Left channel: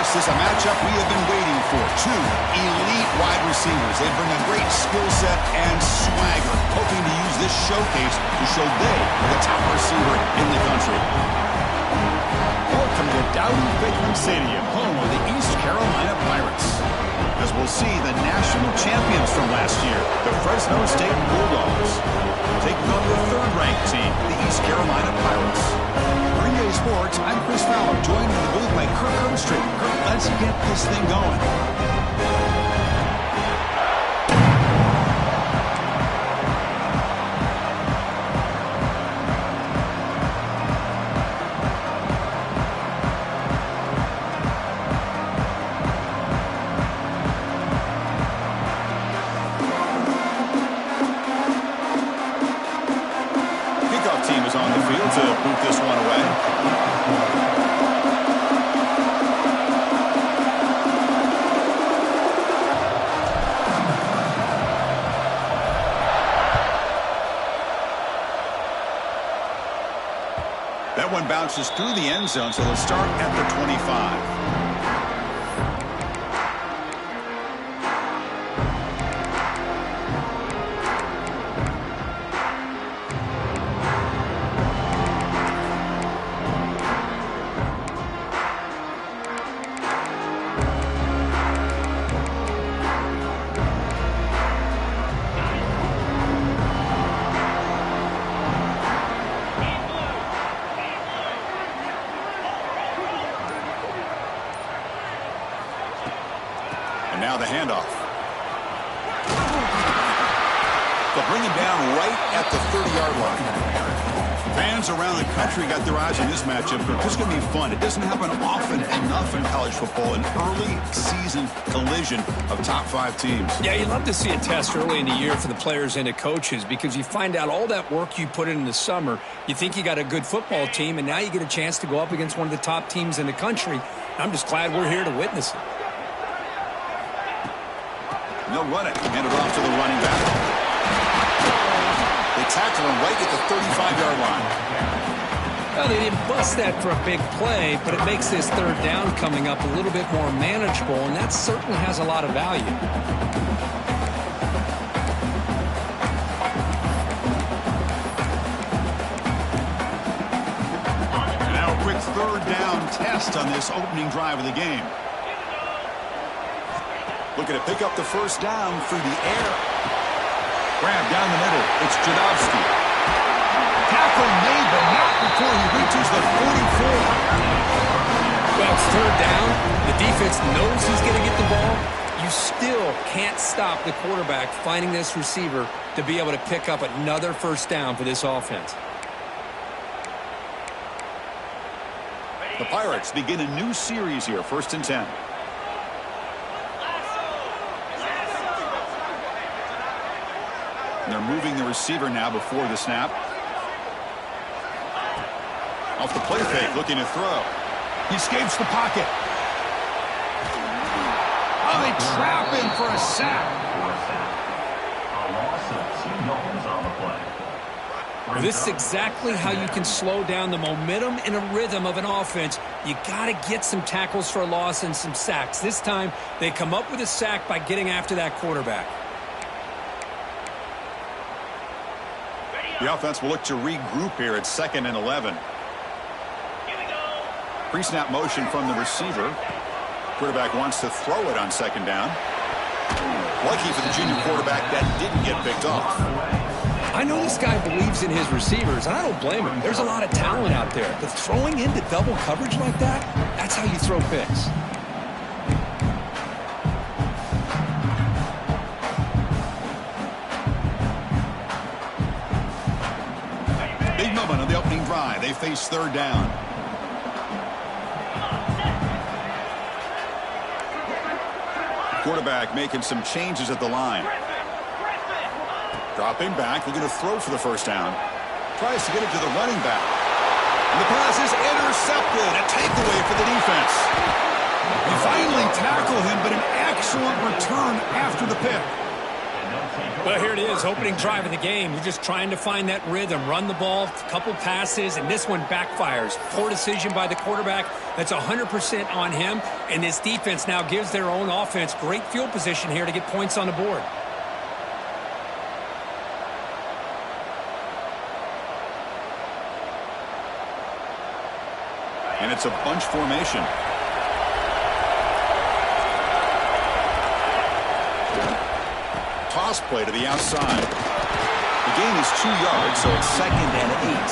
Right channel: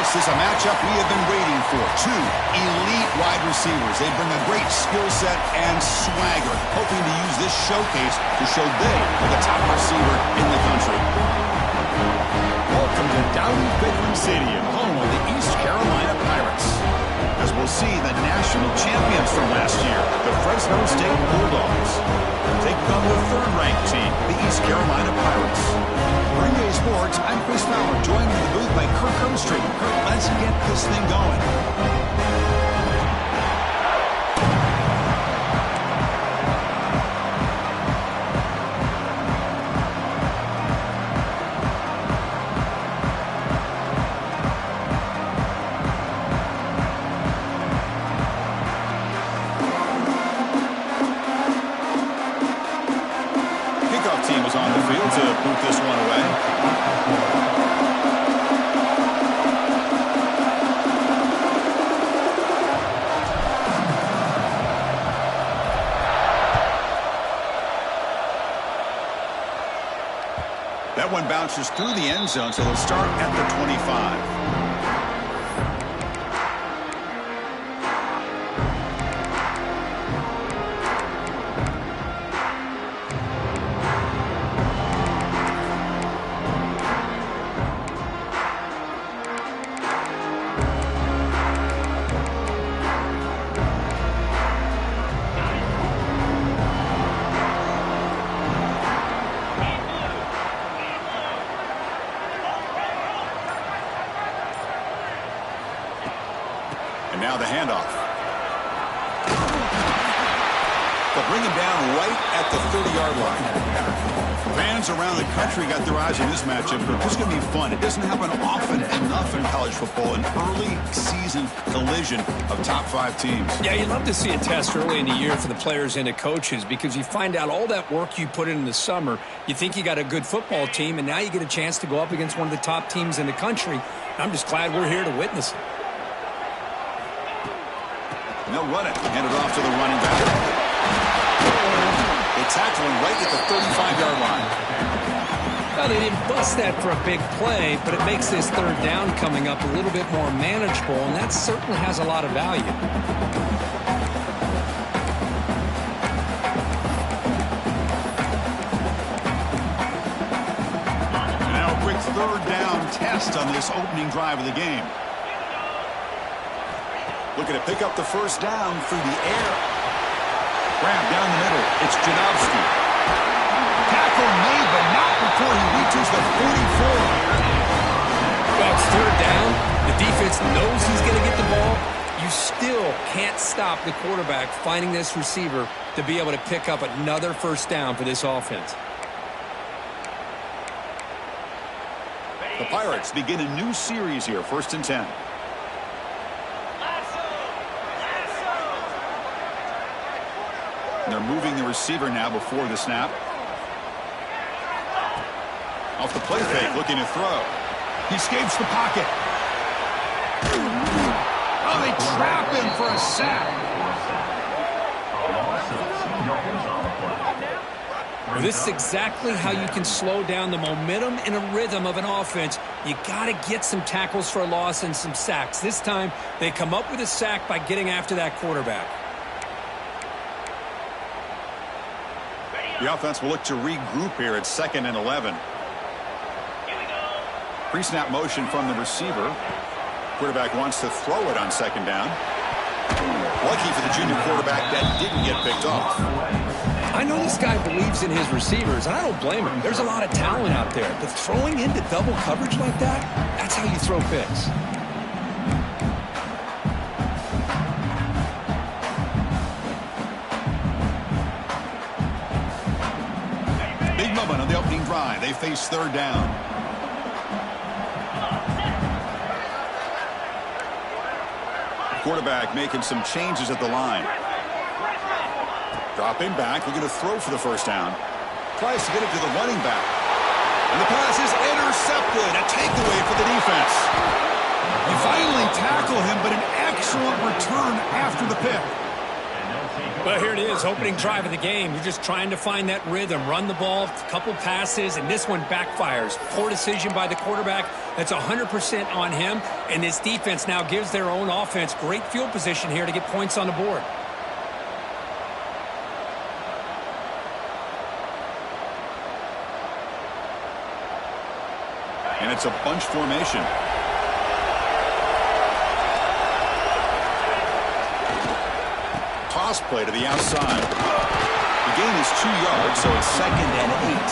This is a matchup we have been waiting for. Two elite wide receivers. They bring a great skill set and swagger, hoping to use this showcase to show they are the top receiver in the country. Welcome to Dowdy-Ficklen Stadium, home of the East Carolina Pirates. As we'll see the national champions from last year, the Fresno State Bulldogs, taking on the third-ranked team, the East Carolina Pirates. For EA Sports, I'm Chris Fowler, joined in the booth by Kirk Herbstreit. Kirk, let's get this thing going. Team is on the field to boot this one away. That one bounces through the end zone, so they'll start at the 25. And now the handoff. They'll bring him down right at the 30-yard line. Fans around the country got their eyes on this matchup. This is going to be fun. It doesn't happen often enough in college football, an early season collision of top 5 teams. Yeah, you'd love to see a test early in the year for the players and the coaches because you find out all that work you put in the summer. You think you got a good football team, and now you get a chance to go up against one of the top teams in the country. I'm just glad we're here to witness it. And they'll run it. Hand it off to the running back. They tackle him right at the 35-yard line. Well, they didn't bust that for a big play, but it makes this third down coming up a little bit more manageable, and that certainly has a lot of value. And now a quick third down test on this opening drive of the game. Looking to pick up the first down through the air. Grab down the middle. It's Jadowski. Tackle made, but not before he reaches the 44. Well, it's third down. The defense knows he's going to get the ball. You still can't stop the quarterback finding this receiver to be able to pick up another first down for this offense. The Pirates begin a new series here, 1st and 10. They're moving the receiver now before the snap. Off the play fake, looking to throw. He escapes the pocket. Oh, they trap him for a sack. This is exactly how you can slow down the momentum and a rhythm of an offense. You got to get some tackles for a loss and some sacks. This time, they come up with a sack by getting after that quarterback. The offense will look to regroup here at 2nd and 11. Pre-snap motion from the receiver. Quarterback wants to throw it on 2nd down. Lucky for the junior quarterback that didn't get picked off. I know this guy believes in his receivers, and I don't blame him. There's a lot of talent out there. But throwing into double coverage like that, that's how you throw picks. Big moment on the opening drive. They face 3rd down. Quarterback making some changes at the line. Dropping back, looking to throw for the first down. Tries to get it to the running back. And the pass is intercepted. A takeaway for the defense. You finally tackle him, but an excellent return after the pick. Well, here it is, opening drive of the game. You're just trying to find that rhythm, run the ball, a couple passes, and this one backfires. Poor decision by the quarterback. That's 100% on him, and this defense now gives their own offense great field position here to get points on the board. And it's a bunch formation. Toss play to the outside. The gain is 2 yards, so it's 2nd and 8.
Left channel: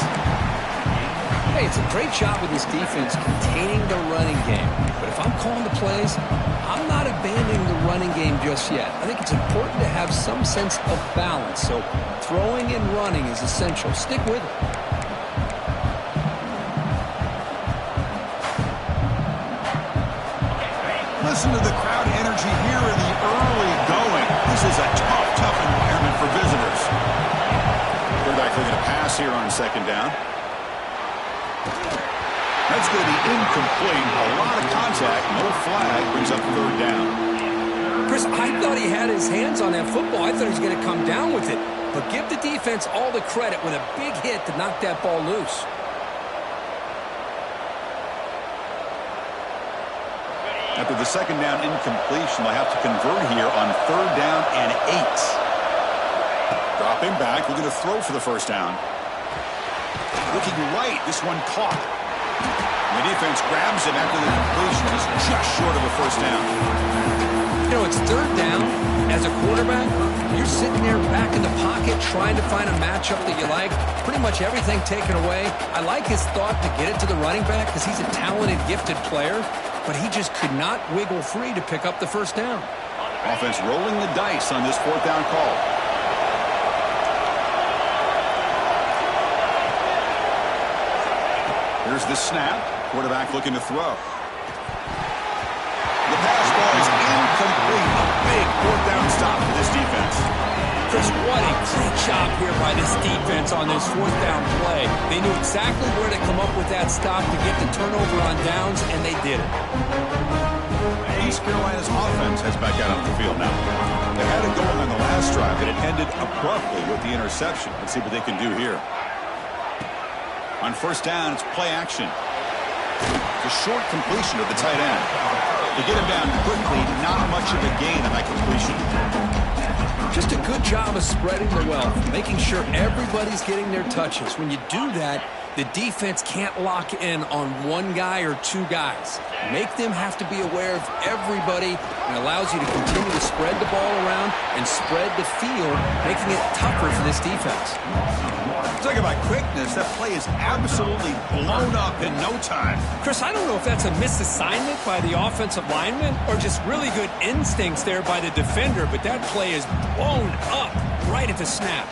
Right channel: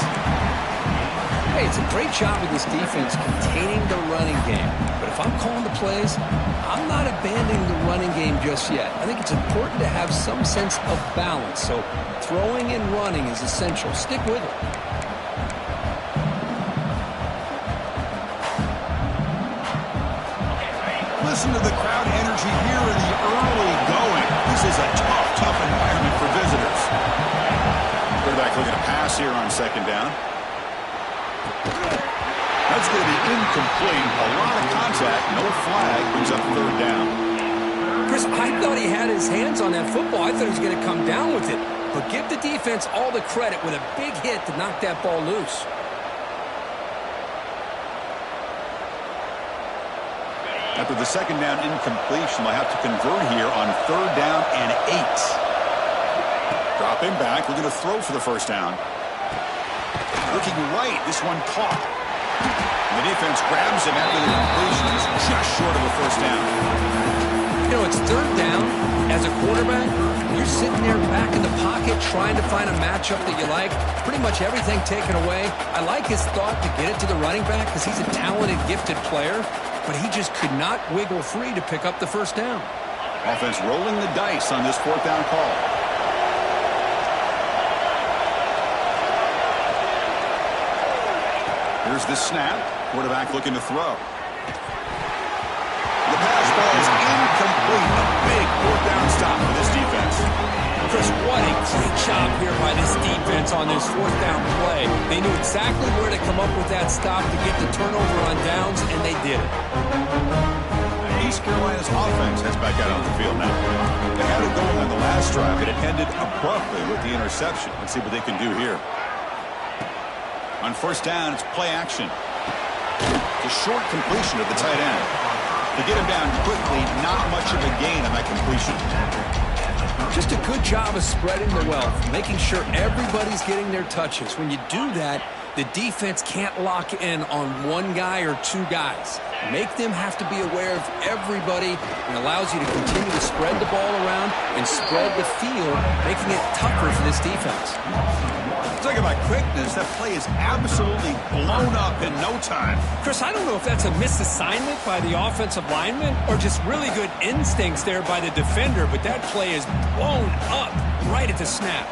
Hey, it's a great job with this defense containing the running game. But if I'm calling the plays, I'm not abandoning the running game just yet. I think it's important to have some sense of balance. So throwing and running is essential. Stick with it. Listen to the crowd energy here in the early going. This is a tough environment for visitors. Quarterback looking to pass here on 2nd down. That's going to be incomplete. A lot of contact. No flag. Brings up 3rd down. Chris, I thought he had his hands on that football. I thought he was going to come down with it. But give the defense all the credit with a big hit to knock that ball loose. After the 2nd down incompletion, they'll have to convert here on 3rd down and 8. Dropping back, looking to throw for the 1st down. Looking right, this one caught. And the defense grabs him after the completion. He's just short of a 1st down. You know, it's 3rd down. As a quarterback, you're sitting there back in the pocket trying to find a matchup that you like. Pretty much everything taken away. I like his thought to get it to the running back because he's a talented, gifted player. But he just could not wiggle free to pick up the 1st down. Offense rolling the dice on this 4th down call. Here's the snap. Quarterback looking to throw. The pass ball is incomplete. A big 4th down stop for this defense. Chris, what a great job here by this defense on this 4th down play. They knew exactly where to come up with that stop to get the turnover on downs, and they did it. East Carolina's offense heads back out on the field now. They had it going on the last drive, but it ended abruptly with the interception. Let's see what they can do here. On 1st down, it's play action. The short completion of the tight end. To get him down quickly, not much of a gain on that completion. Just a good job of spreading the wealth, making sure everybody's getting their touches. When you do that, the defense can't lock in on one guy or 2 guys. Make them have to be aware of everybody, and allows you to continue to spread the ball around and spread the field, making it tougher for this defense. Talking about quickness, that play is absolutely blown up in no time. Chris, I don't know if that's a misassignment by the offensive lineman or just really good instincts there by the defender, but that play is blown up right at the snap.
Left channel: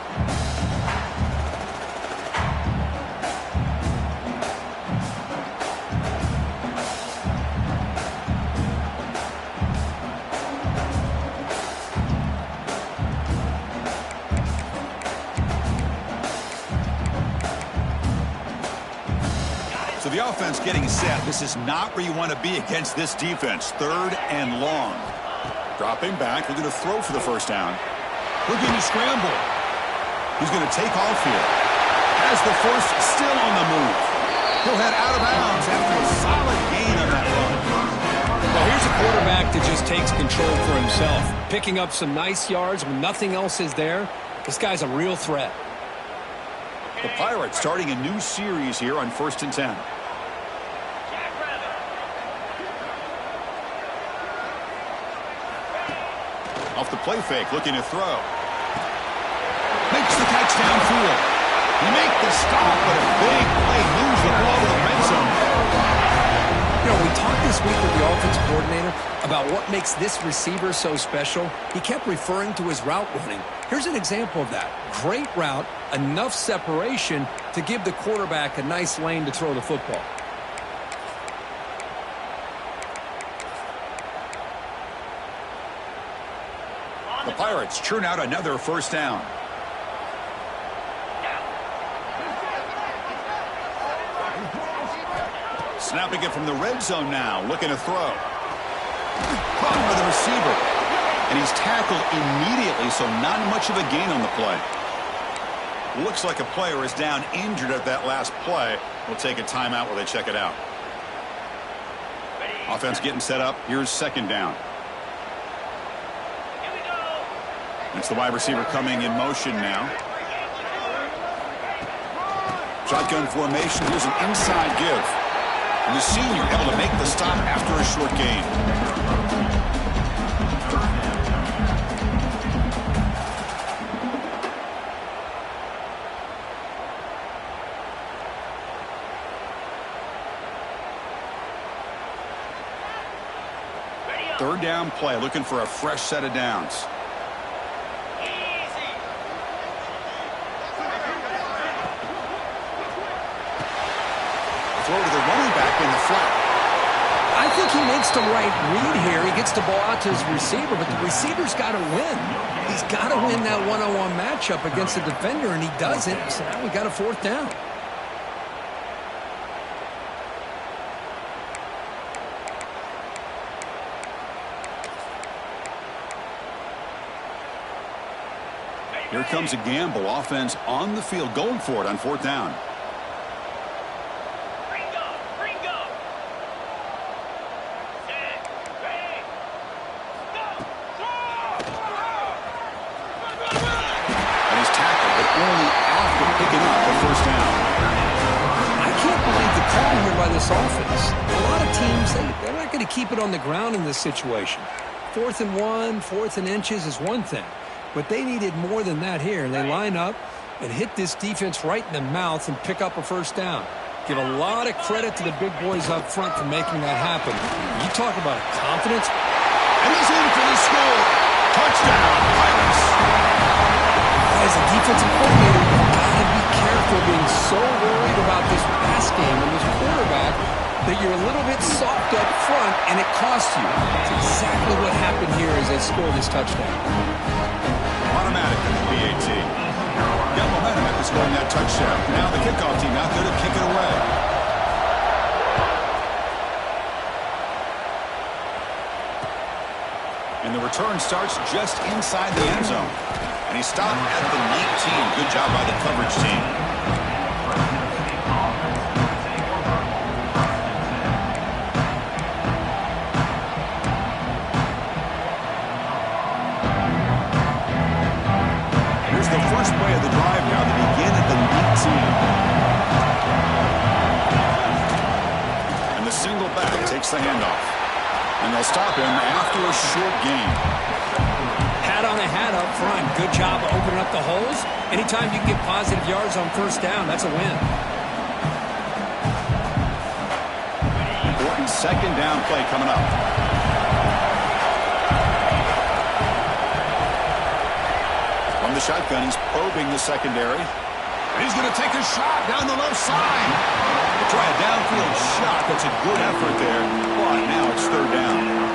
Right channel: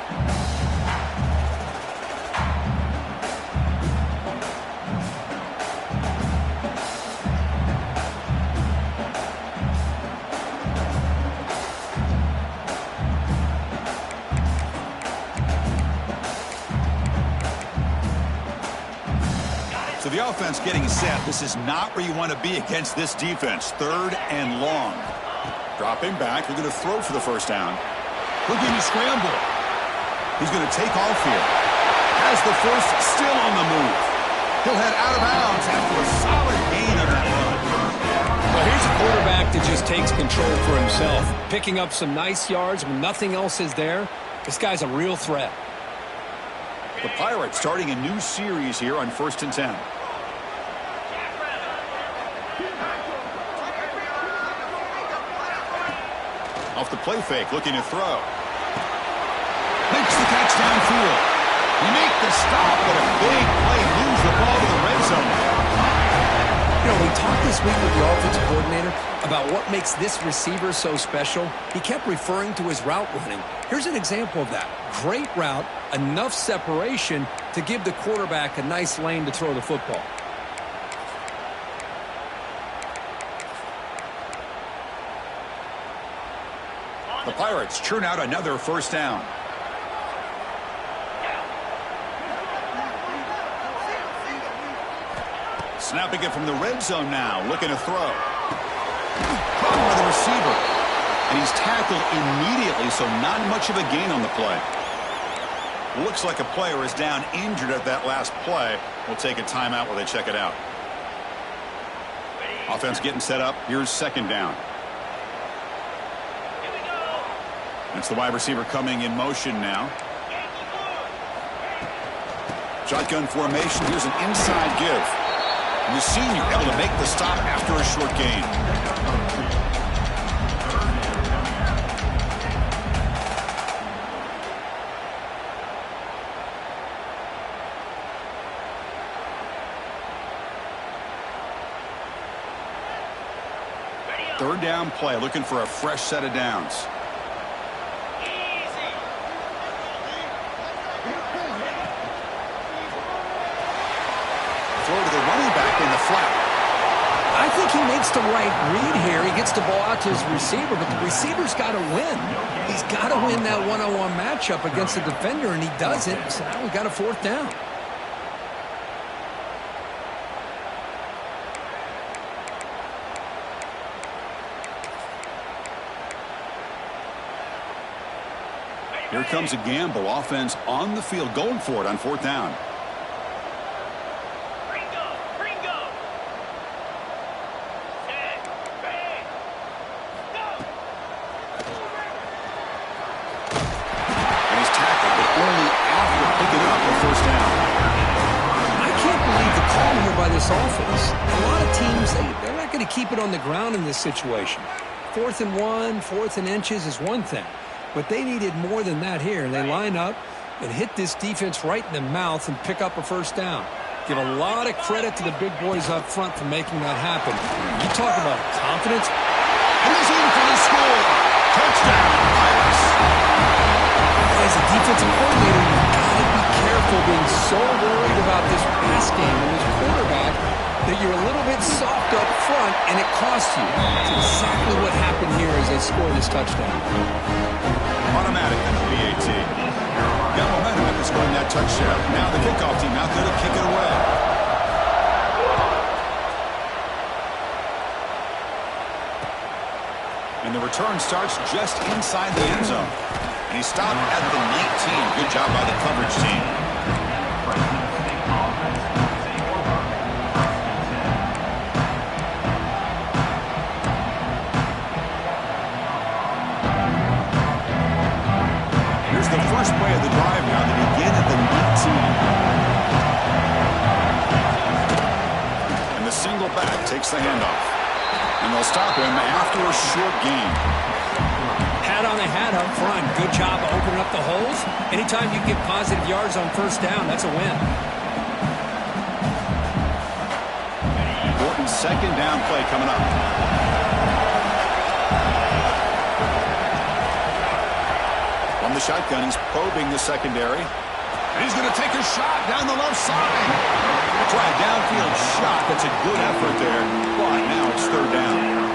So the offense getting set. This is not where you want to be against this defense. 3rd and long. Dropping back. Looking to throw for the 1st down. Looking to scramble. He's going to take off here. Has the 1st still on the move. He'll head out of bounds after a solid gain on that run. Well, here's a quarterback that just takes control for himself. Picking up some nice yards when nothing else is there. This guy's a real threat. The Pirates starting a new series here on 1st and 10. Off the play fake, looking to throw. Makes the catch downfield. He make the stop, but a big play moves the ball to the red zone. You know, we talked this week with the offensive coordinator about what makes this receiver so special. He kept referring to his route running. Here's an example of that. Great route, enough separation to give the quarterback a nice lane to throw the football. The Pirates churn out another 1st down. Snapping it from the red zone now, looking to throw. Caught by the receiver. And he's tackled immediately, so not much of a gain on the play. Looks like a player is down injured at that last play. We'll take a timeout while they check it out. Offense getting set up. Here's second down. Here we go. It's the wide receiver coming in motion now. Shotgun formation. Here's an inside give. And the senior able to make the stop after a short gain. Third down play, looking for a fresh set of downs. Easy. Throw to the running back in the flat. I think he makes the right read here. He gets the ball out to his receiver, but the receiver's got to win. He's got to win that one-on-one matchup against the defender, and he doesn't. So now we got a fourth down. Here comes a gamble. Offense on the field, going for it on fourth down. Ringo. Set. Ready. Go. And he's tackled, but only after picking up a first down. I can't believe the call here by this offense. A lot of teams, they're not going to keep it on the ground in this situation. 4th and 1, 4th and inches is one thing. But they needed more than that here. They line up and hit this defense right in the mouth and pick up a first down. Give a lot of credit to the big boys up front for making that happen. You talk about confidence. And he's in for the score. Touchdown, Pirates. As a defensive coordinator, you've got to be careful being so worried about this pass game and this quarterback that you're a little bit soft up front and it costs you. It's exactly what happened here as they score this touchdown. Automatic on the PAT. Got momentum after scoring that touchdown. Now the kickoff team out there to kick it away. And the return starts just inside the end zone. And he stopped at the 19. Good job by the coverage team. Here's the first play of the drive now. They begin at the 19. And the single back takes the handoff. And they'll stop him after a short gain. Hat on a hat up front. Good job of opening up the holes. Anytime you get positive yards on first down, that's a win. Important second down play coming up. From the shotgun, he's probing the secondary. And he's going to take a shot down the left side. They try a downfield shot. That's a good effort there. But now it's third down.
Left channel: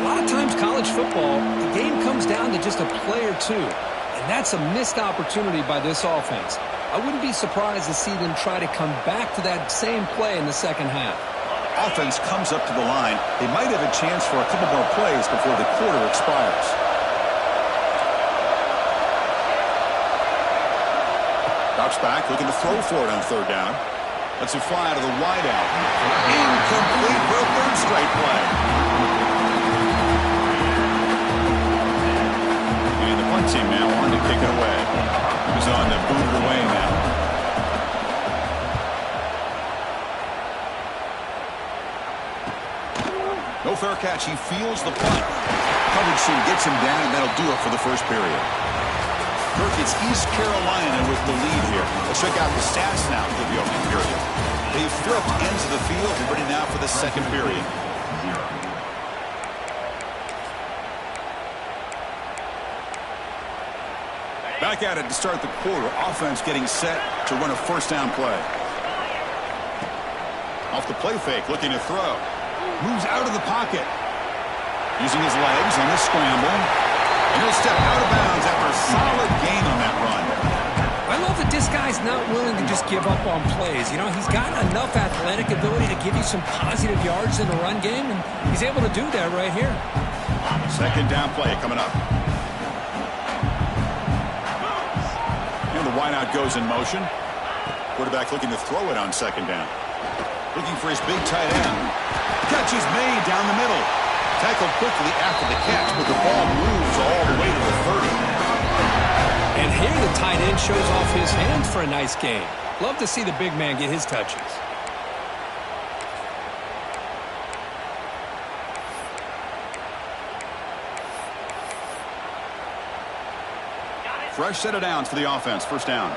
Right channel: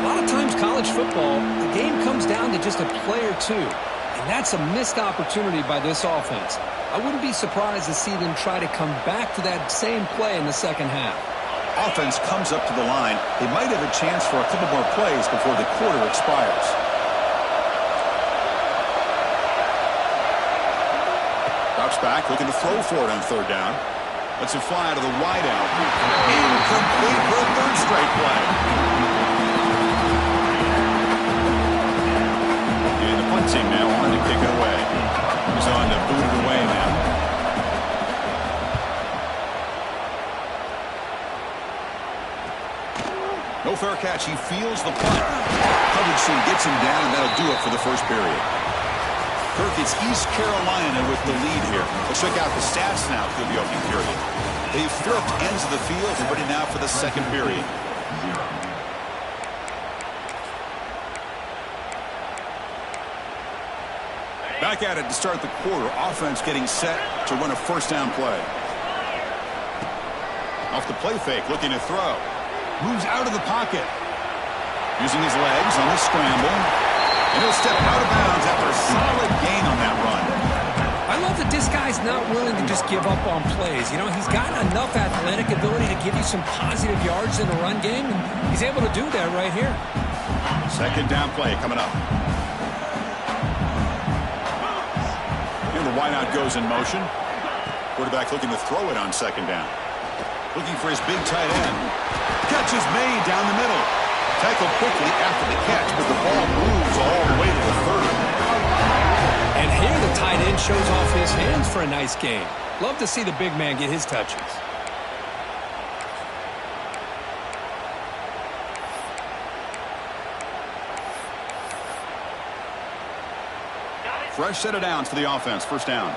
A lot of times college football, the game comes down to just a play or two. And that's a missed opportunity by this offense. I wouldn't be surprised to see them try to come back to that same play in the second half. Offense comes up to the line. They might have a chance for a couple more plays before the quarter expires. Drops back, looking to throw for it on third down. Lets it fly out of the wideout. Incomplete for a third straight play. And the punt team now on to kick it away. He's on to boot it away now. No fair catch. He feels the punt. Coverage team gets him down, and that'll do it for the first period. Kirk, it's East Carolina with the lead here. Let's check out the stats now through the opening period. They've flipped ends of the field and ready now for the second period. Back at it to start the quarter. Offense getting set to run a first down play. Off the play fake, looking to throw. Moves out of the pocket. Using his legs on the scramble. And he'll step out of bounds after a solid gain on that run. I love that this guy's not willing to just give up on plays. You know, he's got enough athletic ability to give you some positive yards in the run game, and he's able to do that right here. Second down play coming up. And the wideout goes in motion. Quarterback looking to throw it on second down. Looking for his big tight end. Catch is made down the middle. Tackled quickly after the catch, but the ball moves all the way to the 30. And here the tight end shows off his hands for a nice game. Love to see the big man get his touches. Fresh set of downs for the offense. First down.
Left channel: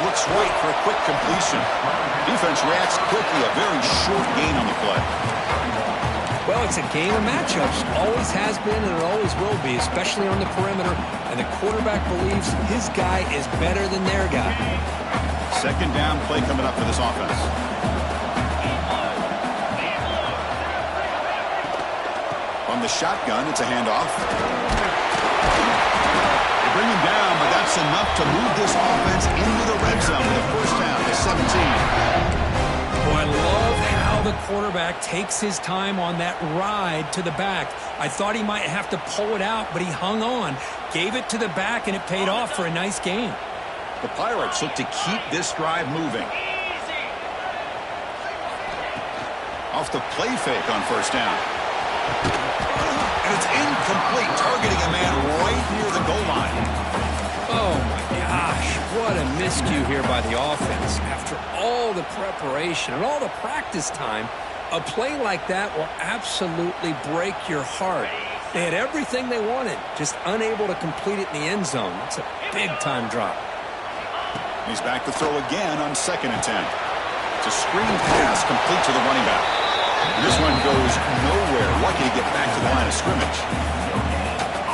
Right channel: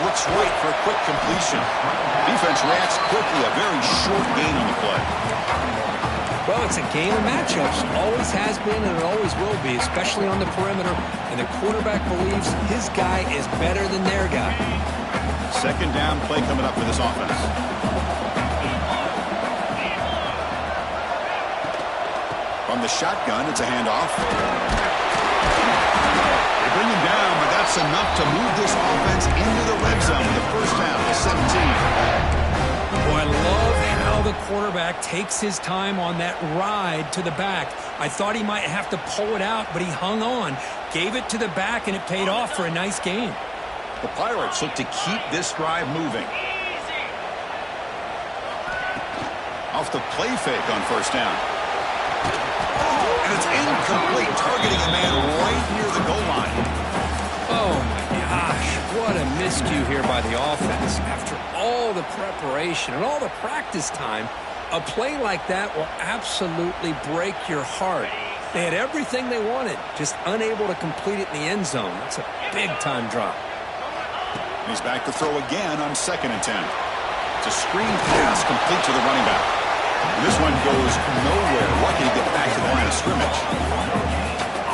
Looks right for a quick completion. Defense reacts quickly. A very short gain on the play. Well, it's a game of matchups. Always has been and it always will be, especially on the perimeter. And the quarterback believes his guy is better than their guy. Second down play coming up for this offense. From the shotgun, it's a handoff. They bring him down, but that's enough to move this offense into the red zone with a first down to 17. Boy, I love how the quarterback takes his time on that ride to the back. I thought he might have to pull it out, but he hung on, gave it to the back, and it paid off for a nice gain. The Pirates look to keep this drive moving. Off the play fake on first down. And it's incomplete, targeting a man right near the goal line. Oh, my gosh. What a miscue here by the offense. After all the preparation and all the practice time, a play like that will absolutely break your heart. They had everything they wanted, just unable to complete it in the end zone. That's a big-time drop. He's back to throw again on 2nd and 10. It's a screen pass complete to the running back. This one goes nowhere. Lucky to get back to the line of scrimmage.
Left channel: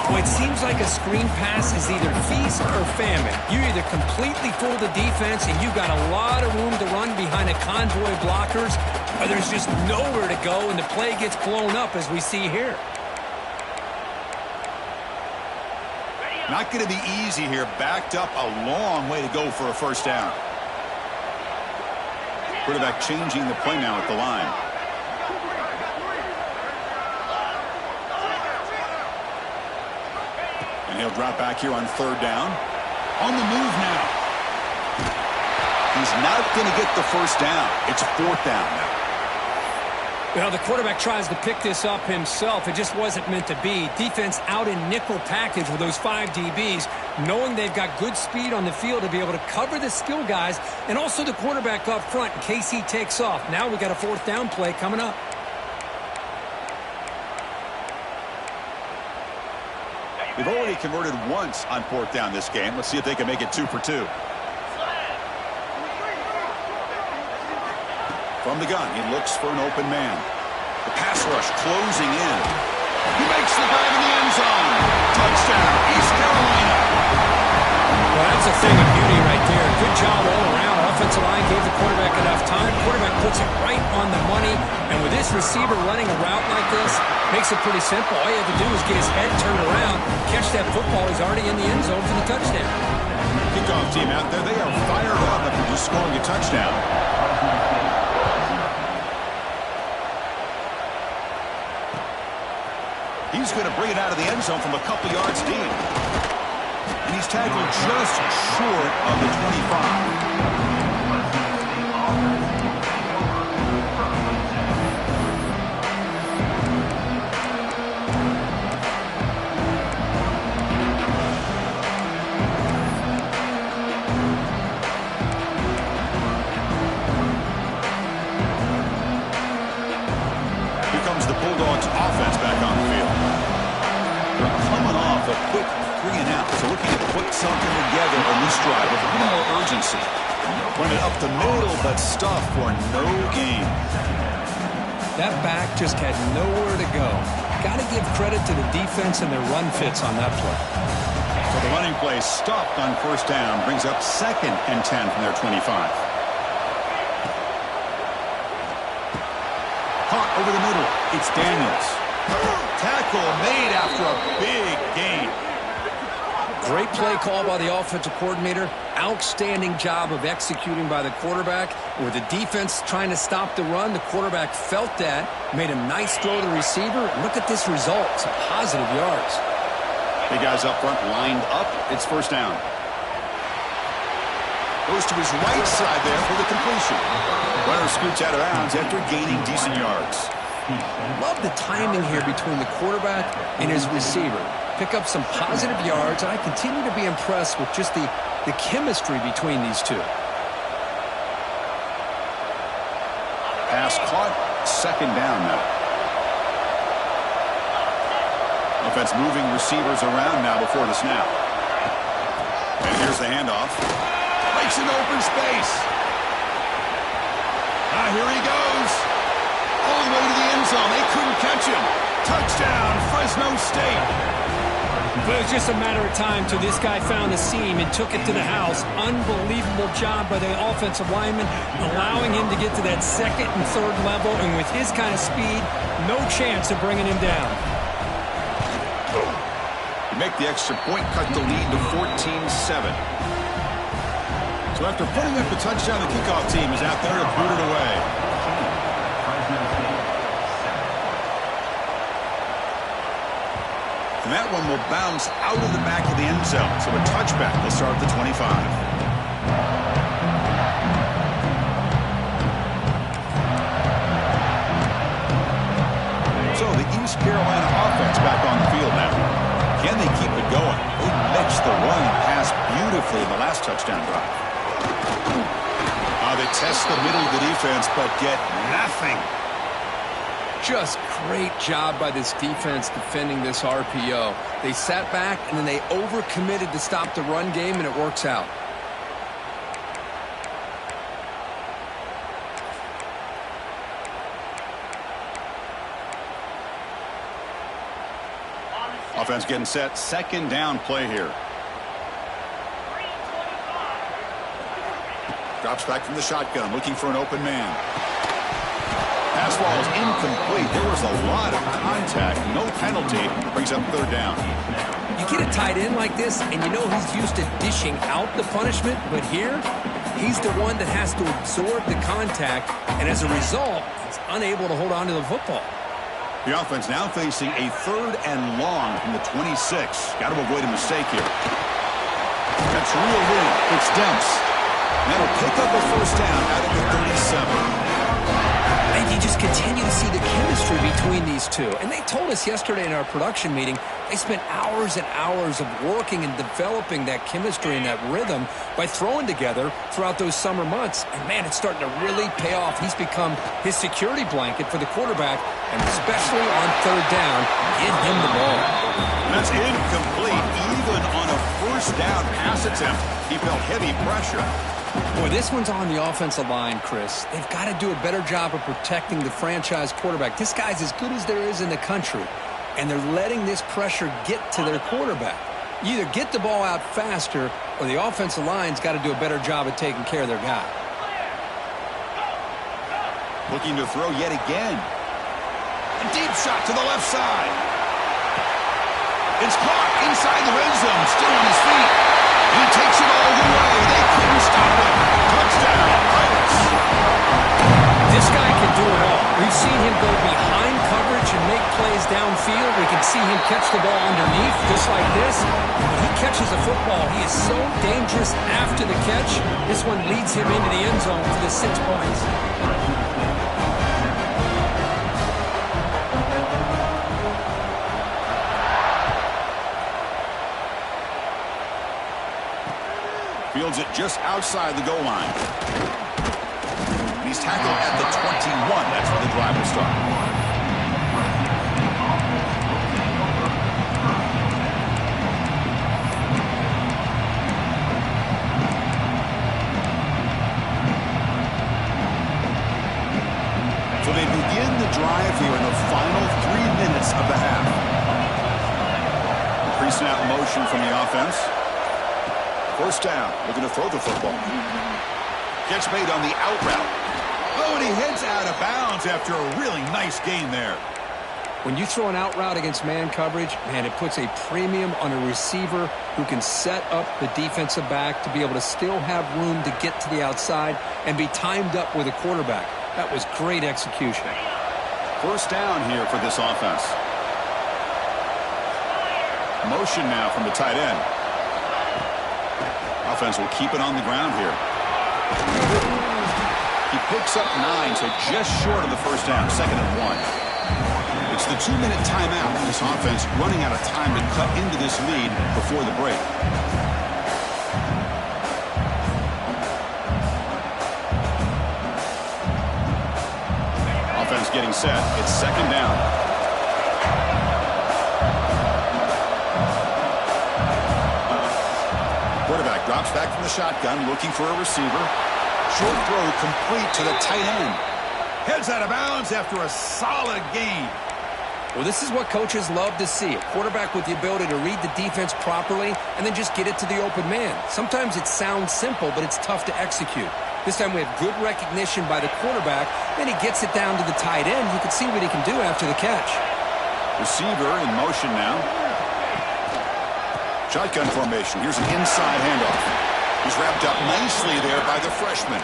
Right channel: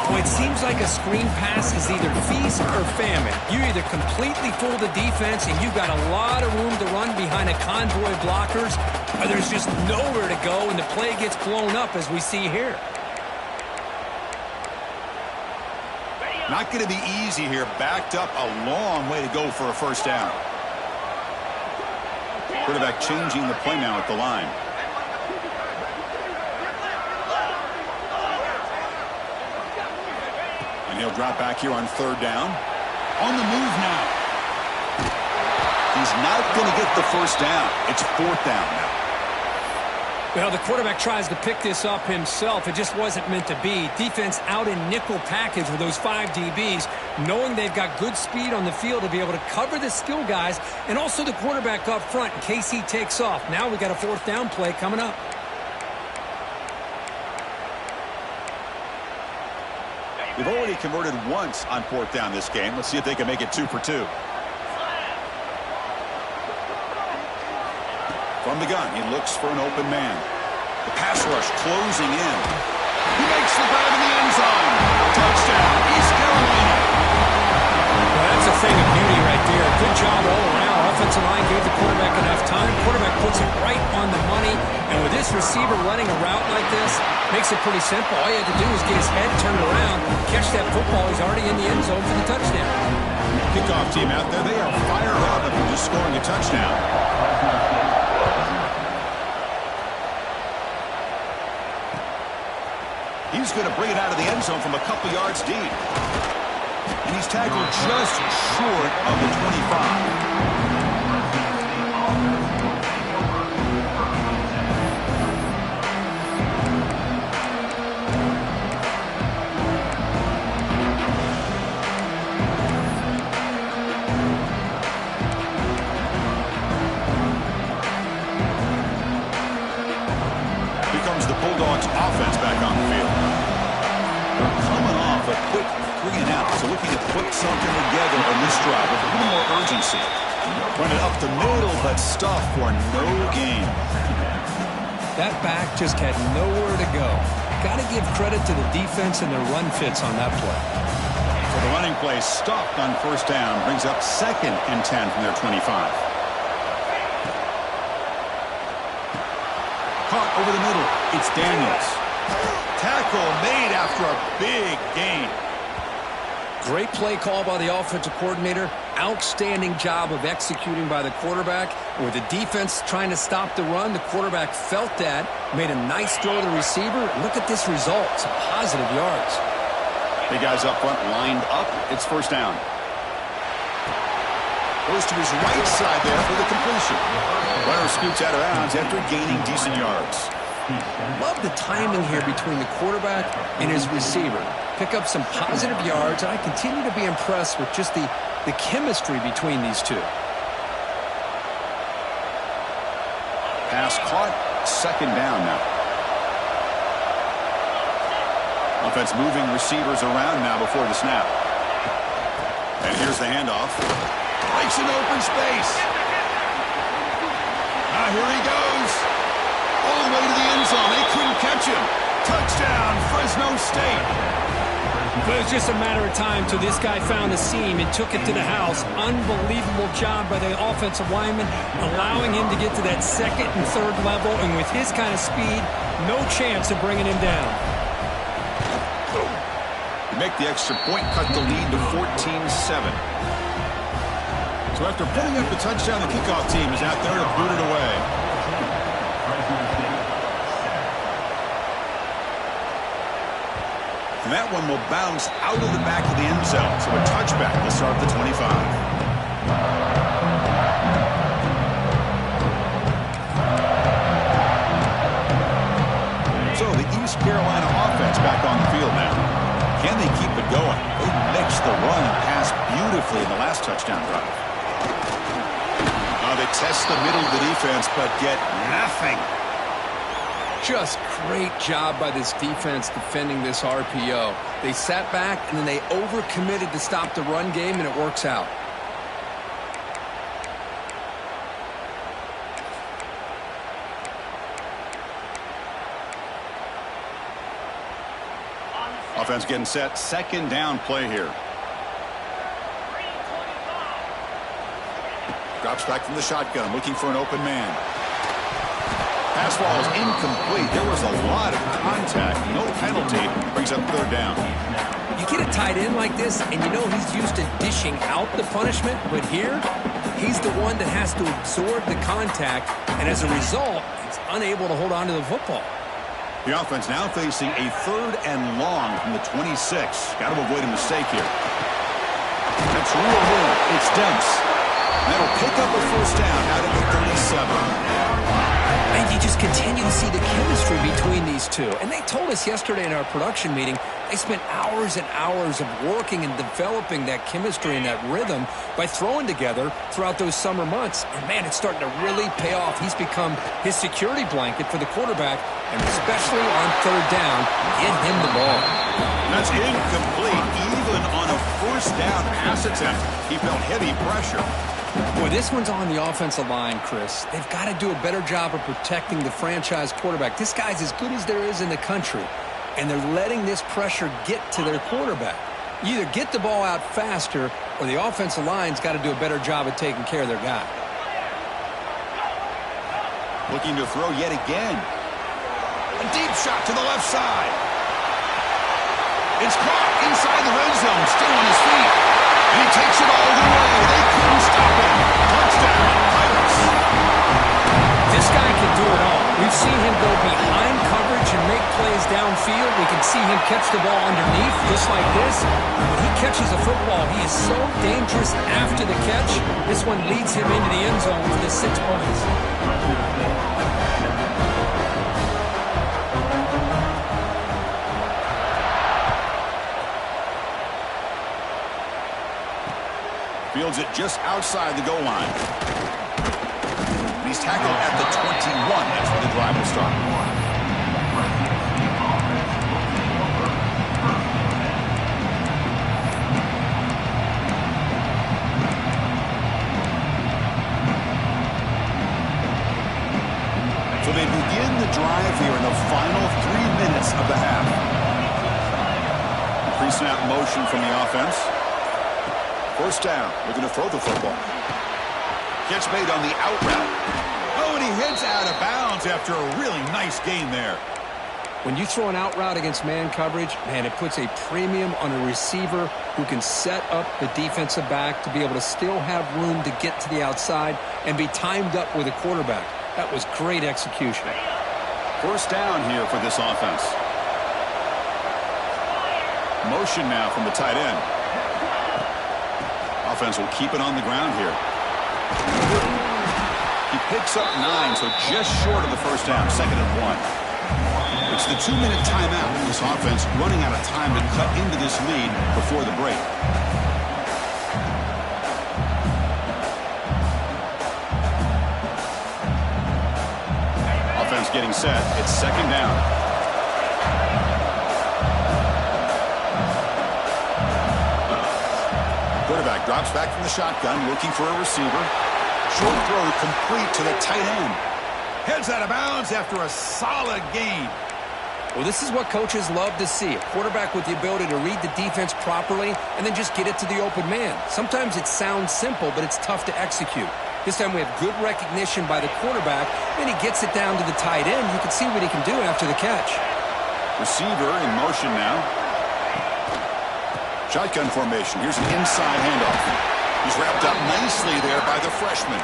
Well, it seems like a screen pass is either feast or famine. You either completely fool the defense and you've got a lot of room to run behind a convoy of blockers, or there's just nowhere to go and the play gets blown up as we see here. Not going to be easy here. Backed up a long way to go for a first down. Quarterback changing the play now at the line. And he'll drop back here on 3rd down. On the move now. He's not going to get the first down. It's 4th down now. Well, the quarterback tries to pick this up himself. It just wasn't meant to be. Defense out in nickel package with those 5 DBs, knowing they've got good speed on the field to be able to cover the skill guys and also the quarterback up front in case he takes off. Now we got a 4th down play coming up. They've already converted once on 4th down this game. Let's see if they can make it 2 for 2. From the gun, he looks for an open man. The pass rush closing in. He makes the grab in the end zone. Touchdown, East Carolina. Well, that's a thing of beauty right there. Good job all around. Offensive line gave the quarterback enough time. Quarterback puts it right on the money. And with this receiver running a route like this, makes it pretty simple. All you have to do is get his head turned around, catch that football. He's already in the end zone for the touchdown. Kickoff team out there. They are fired up after just scoring a touchdown. He's going to bring it out of the end zone from a couple yards deep. And he's tackled just short of the 25. The Bulldogs offense back on the field. They're coming off a quick 3 and out, so looking to put something together on this drive with a little more urgency. Running up the middle, but stuff for no gain. That back just had nowhere to go. Got to give credit to the defense and their run fits on that play. So the running play stopped on 1st down, brings up 2nd and 10 from their 25. Caught over the middle. It's Daniels. Tackle made after a big gain. Great play call by the offensive coordinator. Outstanding job of executing by the quarterback. With the defense trying to stop the run, the quarterback felt that, made a nice throw to the receiver. And look at this result. Some positive yards. The guys up front lined up. It's first down. Goes to his right side there for the completion. Runner scoots out of bounds after gaining decent yards. Love the timing here between the quarterback and his receiver. Pick up some positive yards, and I continue to be impressed with just the chemistry between these two. Pass caught. Second down now. Offense moving receivers around now before the snap. And here's the handoff. Breaks an open space. Now here he goes. All the way to the end zone. They couldn't catch him. Touchdown, Fresno State. But it was just a matter of time till this guy found a seam and took it to the house. Unbelievable job by the offensive lineman, allowing him to get to that second and third level. And with his kind of speed, no chance of bringing him down. You make the extra point, cut the lead to 14-7. So after putting up the touchdown, the kickoff team is out there to boot it away. And that one will bounce out of the back of the end zone. So a touchback will start at the 25. So the East Carolina offense back on the field now. Can they keep it going? They mixed the run and pass beautifully in the last touchdown drive. They test the middle of the defense, but get nothing. Just great job by this defense defending this RPO. They sat back, and then they overcommitted to stop the run game, and it works out. Offense getting set. Second down play here. Drops back from the shotgun, looking for an open man. Pass ball is incomplete. There was a lot of contact. No penalty. Brings up third down. You get a tight end like this, and you know he's used to dishing out the punishment. But here, he's the one that has to absorb the contact. And as a result, he's unable to hold on to the football. The offense now facing a third and long from the 26. Got to avoid a mistake here. That's reeled in. It's Demps. That'll pick up a first down out of the 37. And you just continue to see the chemistry between these two. And they told us yesterday in our production meeting, they spent hours and hours of working and developing that chemistry and that rhythm by throwing together throughout those summer months. And, man, it's starting to really pay off. He's become his security blanket for the quarterback, and especially on third down, get him the ball. That's incomplete. Even on a first down pass attempt, he felt heavy pressure. Boy, this one's on the offensive line, Chris. They've got to do a better job of protecting the franchise quarterback. This guy's as good as there is in the country, and they're letting this pressure get to their quarterback. You either get the ball out faster, or the offensive line's got to do a better job of taking care of their guy. Looking to throw yet again. A deep shot to the left side. It's caught inside the red zone, still on his feet. And he takes it all the way. They couldn't stop him. Touchdown, Pirates. This guy can do it all. We've seen him go behind coverage and make plays downfield. We can see him catch the ball underneath just like this. And when he catches a football, he is so dangerous after the catch. This one leads him into the end zone for the 6 points. Fields it just outside the goal line. And he's tackled at the 21. That's where the drive will start. So they begin the drive here in the final 3 minutes of the half. Pre-snap motion from the offense. First down, looking to throw the football. Catch made on the out route. Oh, and he heads out of bounds after a really nice gain there. When you throw an out route against man coverage, man, it puts a premium on a receiver who can set up the defensive back to be able to still have room to get to the outside and be timed up with a quarterback. That was great execution. First down here for this offense. Motion now from the tight end. Offense will keep it on the ground here. He picks up 9, so just short of the first down, 2nd and 1. It's the 2-minute timeout. This offense running out of time to cut into this lead before the break. Offense getting set. It's 2nd down. Quarterback drops back from the shotgun, looking for a receiver. Short throw complete to the tight end. Heads out of bounds after a solid gain. Well, this is what coaches love to see. A quarterback with the ability to read the defense properly and then just get it to the open man. Sometimes it sounds simple, but it's tough to execute. This time we have good recognition by the quarterback. Then he gets it down to the tight end. You can see what he can do after the catch. Receiver in motion now. Shotgun formation. Here's an inside handoff. He's wrapped up nicely there by the freshman.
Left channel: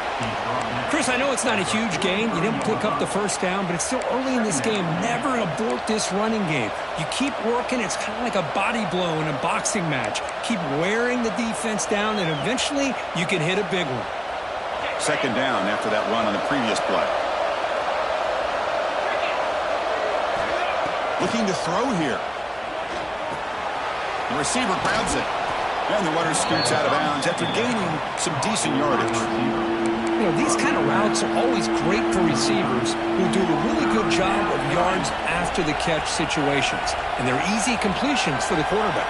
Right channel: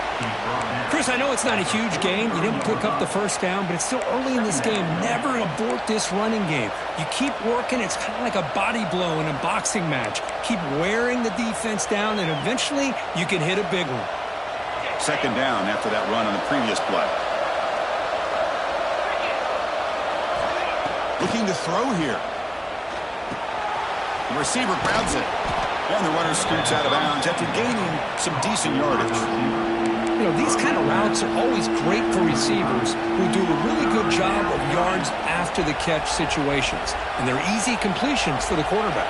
Chris, I know it's not a huge gain. You didn't pick up the first down, but it's still early in this game. Never abort this running game. You keep working. It's kind of like a body blow in a boxing match. Keep wearing the defense down, and eventually you can hit a big one. 2nd down after that run on the previous play. Looking to throw here. The receiver grabs it. And the runner scoots out of bounds after gaining some decent yardage. You know, these kind of routes are always great for receivers who do a really good job of yards after the catch situations. And they're easy completions for the quarterback.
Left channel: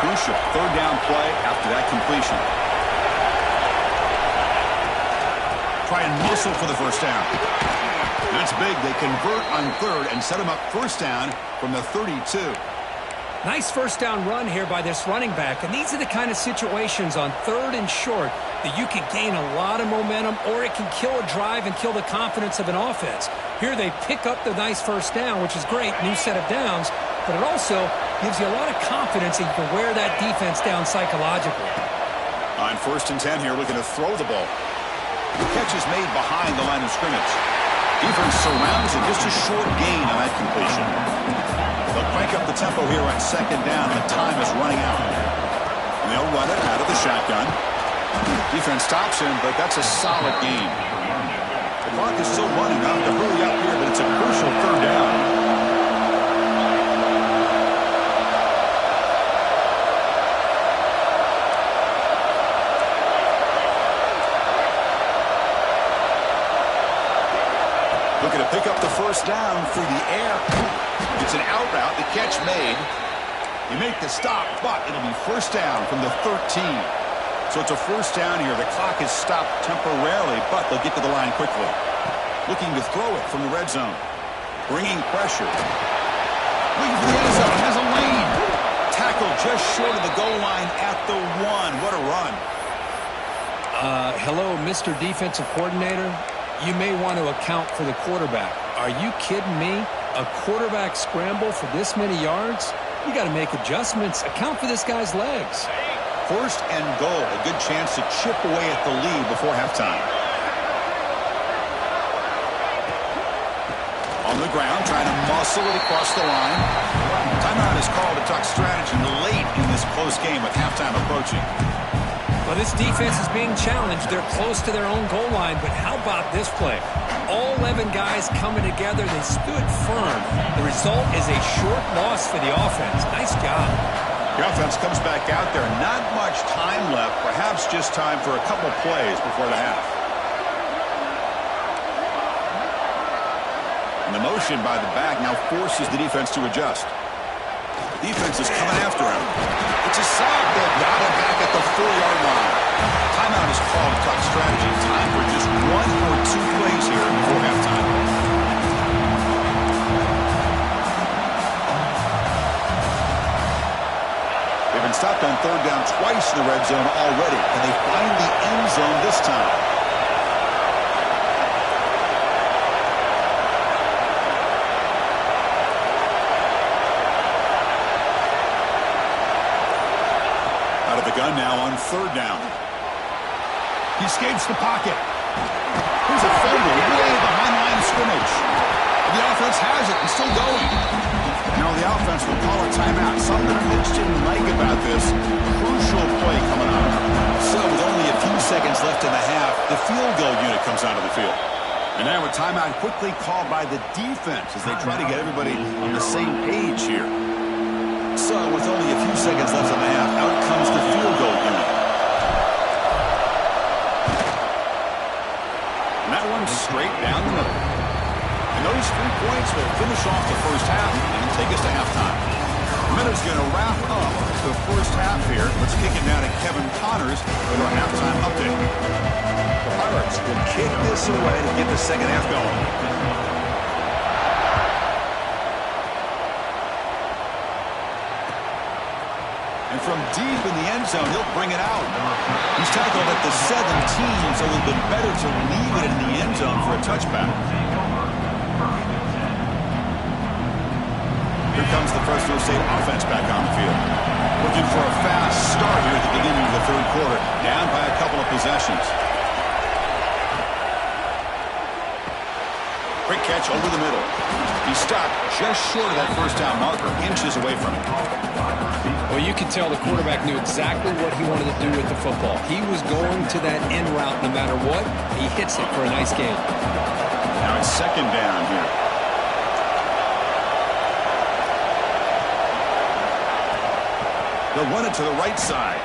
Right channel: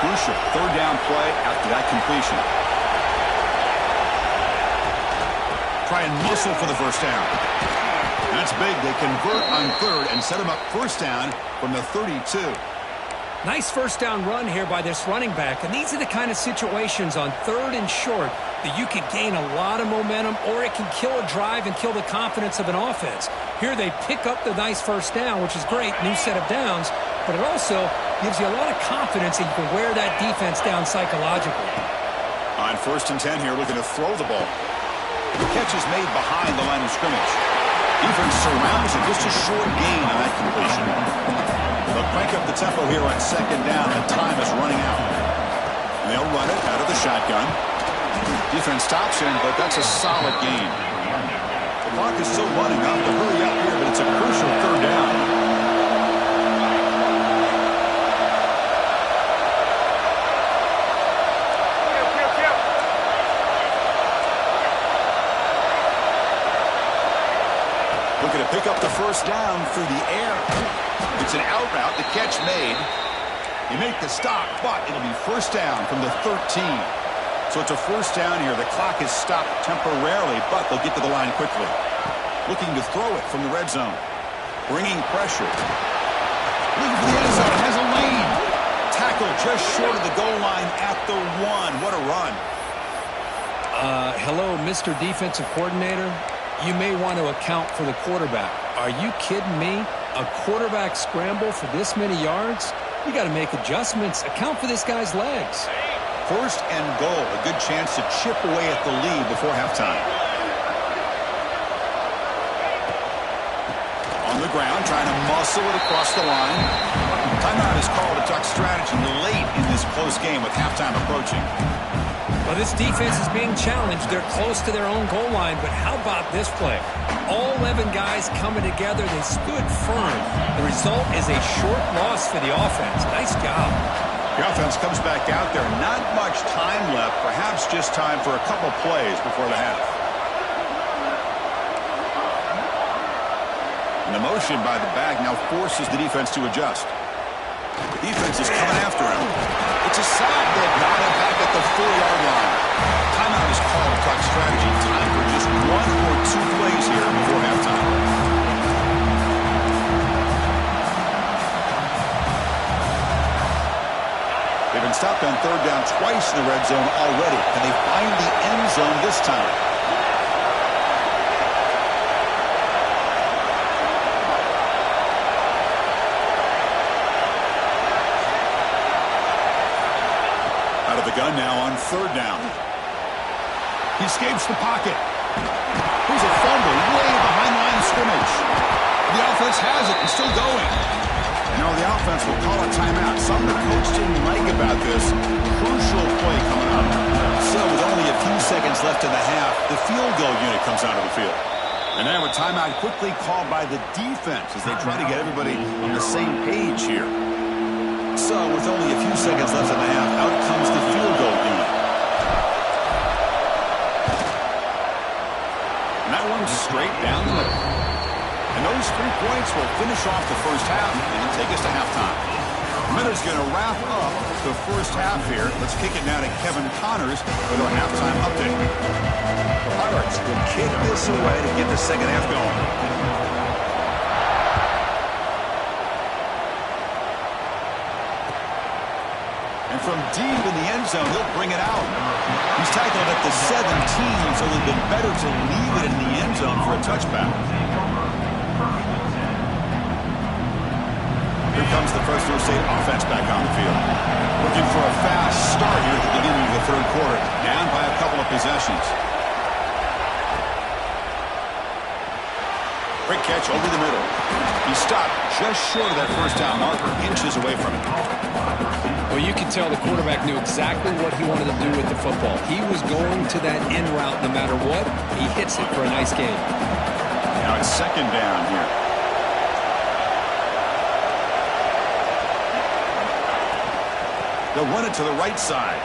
Crucial 3rd down play after that completion. Try and muscle for the first down. That's big. They convert on 3rd and set him up first down from the 32. Nice first down run here by this running back. And these are the kind of situations on 3rd and short that you can gain a lot of momentum, or it can kill a drive and kill the confidence of an offense. Here they pick up the nice first down, which is great, new set of downs, but it also gives you a lot of confidence that you can wear that defense down psychologically. On 1st and 10 here, looking to throw the ball. The catch is made behind the line of scrimmage. Defense surrounds it, just a short gain on that completion. They'll crank up the tempo here on 2nd down. The time is running out. And they'll run it out of the shotgun. Defense stops him, but that's a solid gain. The clock is still running. I'm to hurry up here, but it's a crucial 3rd down. Looking to pick up the first down through the air. It's an out route. The catch made. You make the stop, but it'll be first down from the 13. So it's a first down here. The clock is stopped temporarily, but they'll get to the line quickly. Looking to throw it from the red zone. Bringing pressure. Looking for the end zone. Has a lane. Tackle just short of the goal line at the 1. What a run. Hello, Mr. Defensive Coordinator. You may want to account for the quarterback. Are you kidding me? A quarterback scramble for this many yards? You got to make adjustments. Account for this guy's legs. 1st and goal. A good chance to chip away at the lead before halftime. On the ground, trying to muscle it across the line. Timeout is called to talk strategy late in this close game with halftime approaching. Well, this defense is being challenged. They're close to their own goal line, but how about this play? All 11 guys coming together. They stood firm. The result is a short loss for the offense. Nice job. The offense comes back out there. Not much time left. Perhaps just time for a couple plays before the half. And the motion by the back now forces the defense to adjust. The defense is coming after him. It's a sack. They've got him back at the 4-yard line. Timeout is called to talk strategy. Time for just 1 or 2 plays here before halftime. They've been stopped on 3rd down twice in the red zone already. Can they find the end zone this time? Out of the gun now on third down. He escapes the pocket. Here's a fumble way behind the line of scrimmage. The offense has it and still going. And now the offense will call a timeout. Something the coach didn't like about this. Crucial play coming up. So with only a few seconds left in the half, the field goal unit comes onto the field. And now a timeout quickly called by the defense as they try to get everybody on the same page here. So with only a few seconds left in the half, out comes the field goal unit. And that one's straight down the middle. And those 3 points will finish off the first half and take us to halftime. Miller's going to wrap up the first half here. Let's kick it now to Kevin Connors with our halftime update. The Pirates will kick this away to get the second half going. And from deep in the end zone, he'll bring it out. He's tackled at the 17, so it would have been better to leave it in the end zone for a touchback. Here comes the Fresno State offense back on the field. Looking for a fast start here at the beginning of the third quarter. Down by a couple of possessions. Quick catch over the middle. He stopped just short of that first down marker, inches away from it. Well, you can tell the quarterback knew exactly what he wanted to do with the football. He was going to that end route no matter what. He hits it for a nice gain. Now it's second down here. They'll run it to the right side.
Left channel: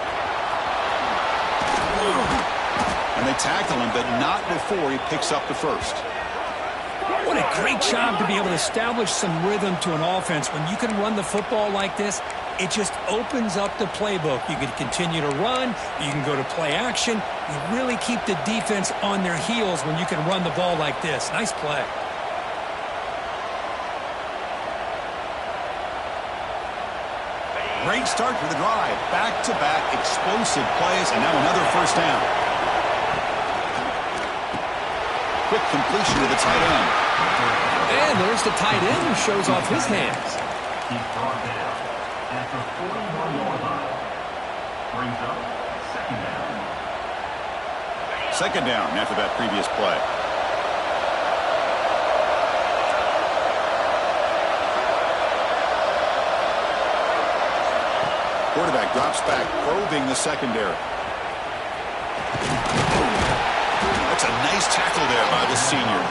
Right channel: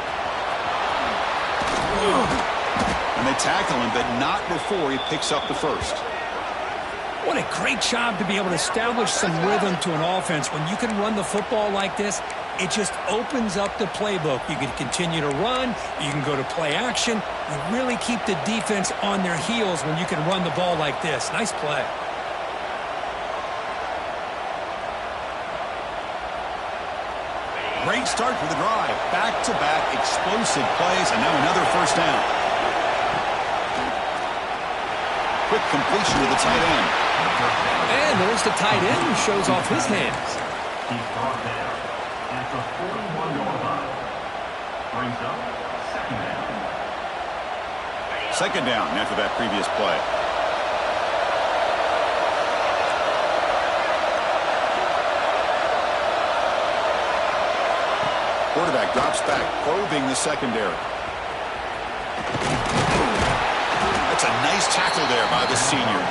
And they tackle him, but not before he picks up the first. What a great job to be able to establish some rhythm to an offense. When you can run the football like this, it just opens up the playbook. You can continue to run. You can go to play action. You really keep the defense on their heels when you can run the ball like this. Nice play. Great start for the drive. Back-to-back explosive plays, and now another first down. Quick completion to the tight end. And there's the tight end who shows off his hands. He's brought down at the 41-yard line. Brings up second down. Second down after that previous play. Quarterback drops back, probing the secondary. That's a nice tackle there by the senior.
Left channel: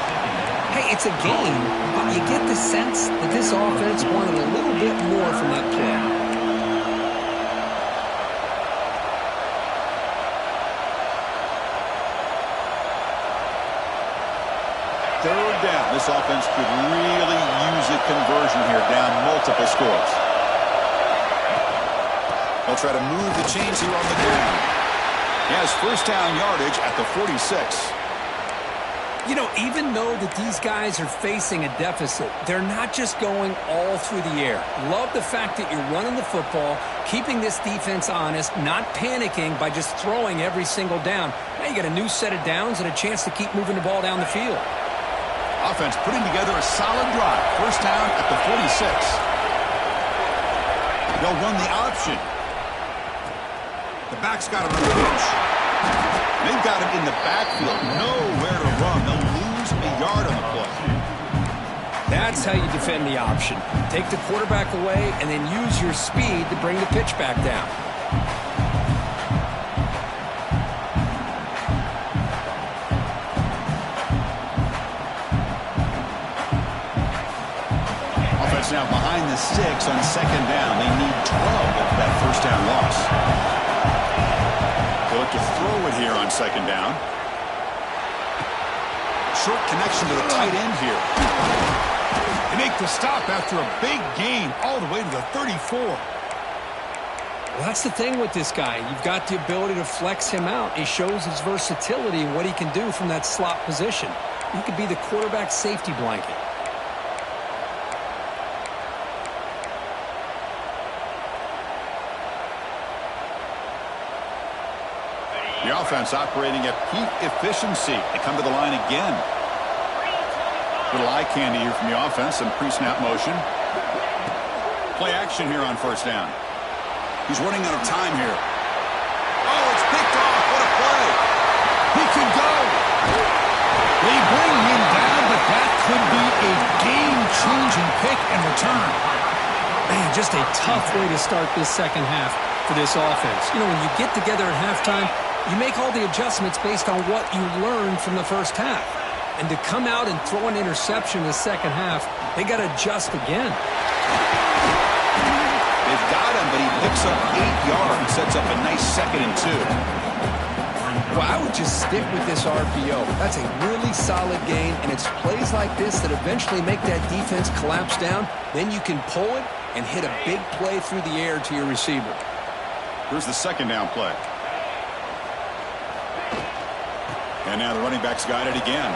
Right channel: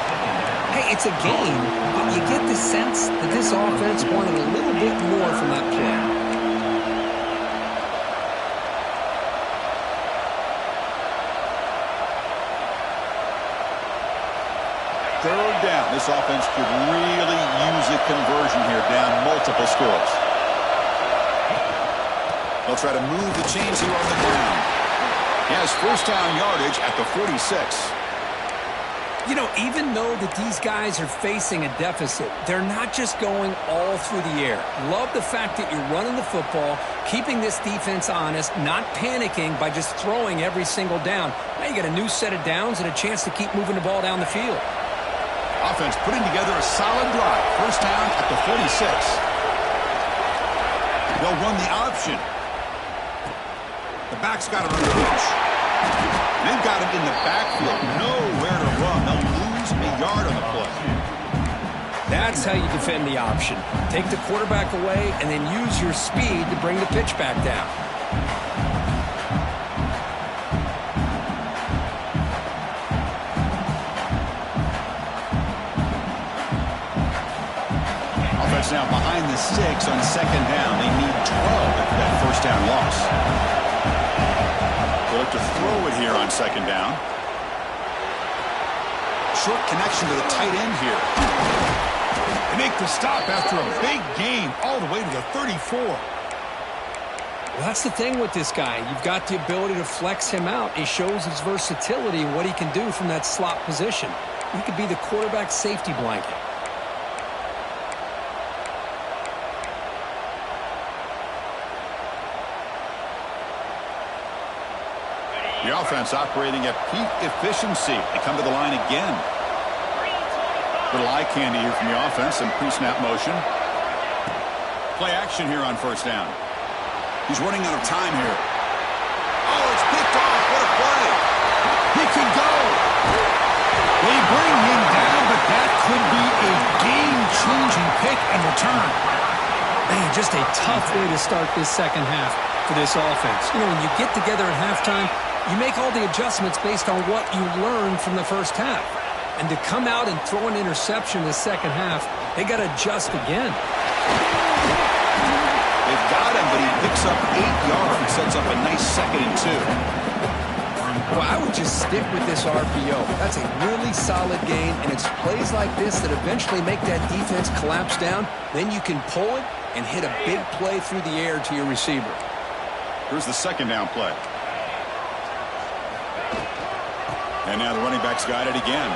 Hey, it's a game, but you get the sense that this offense wanted a little bit more from that play. Third down. This offense could really use a conversion here, down multiple scores. They'll try to move the chains here on the ground. He has first down yardage at the 46. You know, even though that these guys are facing a deficit, they're not just going all through the air. Love the fact that you're running the football, keeping this defense honest, not panicking by just throwing every single down. Now you got a new set of downs and a chance to keep moving the ball down the field. Offense putting together a solid drive. First down at the 46. They'll run the option. The back's got it on the pitch. They've got him in the backfield. Nowhere to run. They'll lose a yard on the play. That's how you defend the option. Take the quarterback away and then use your speed to bring the pitch back down. Offense now behind the 6 on second down. They need 12 after that first down loss. They look to throw it here on second down. Short connection to the tight end here. They make the stop after a big gain all the way to the 34. Well, that's the thing with this guy. You've got the ability to flex him out. He shows his versatility and what he can do from that slot position. He could be the quarterback safety blanket. The offense operating at peak efficiency. They come to the line again. Little eye candy here from the offense. Some pre-snap motion. Play action here on first down. He's running out of time here. Oh, it's picked off. What a play. He could go. They bring him down, but that could be a game-changing pick and return. Man, just a tough way to start this second half for this offense. You know, when you get together at halftime, you make all the adjustments based on what you learned from the first half. And to come out and throw an interception in the second half, they got to adjust again. They've got him, but he picks up 8 yards, sets up a nice 2nd and 2. Well, I would just stick with this RPO. That's a really solid gain, and it's plays like this that eventually make that defense collapse down. Then you can pull it and hit a big play through the air to your receiver. Here's the 2nd down play. And now the running back's got it again.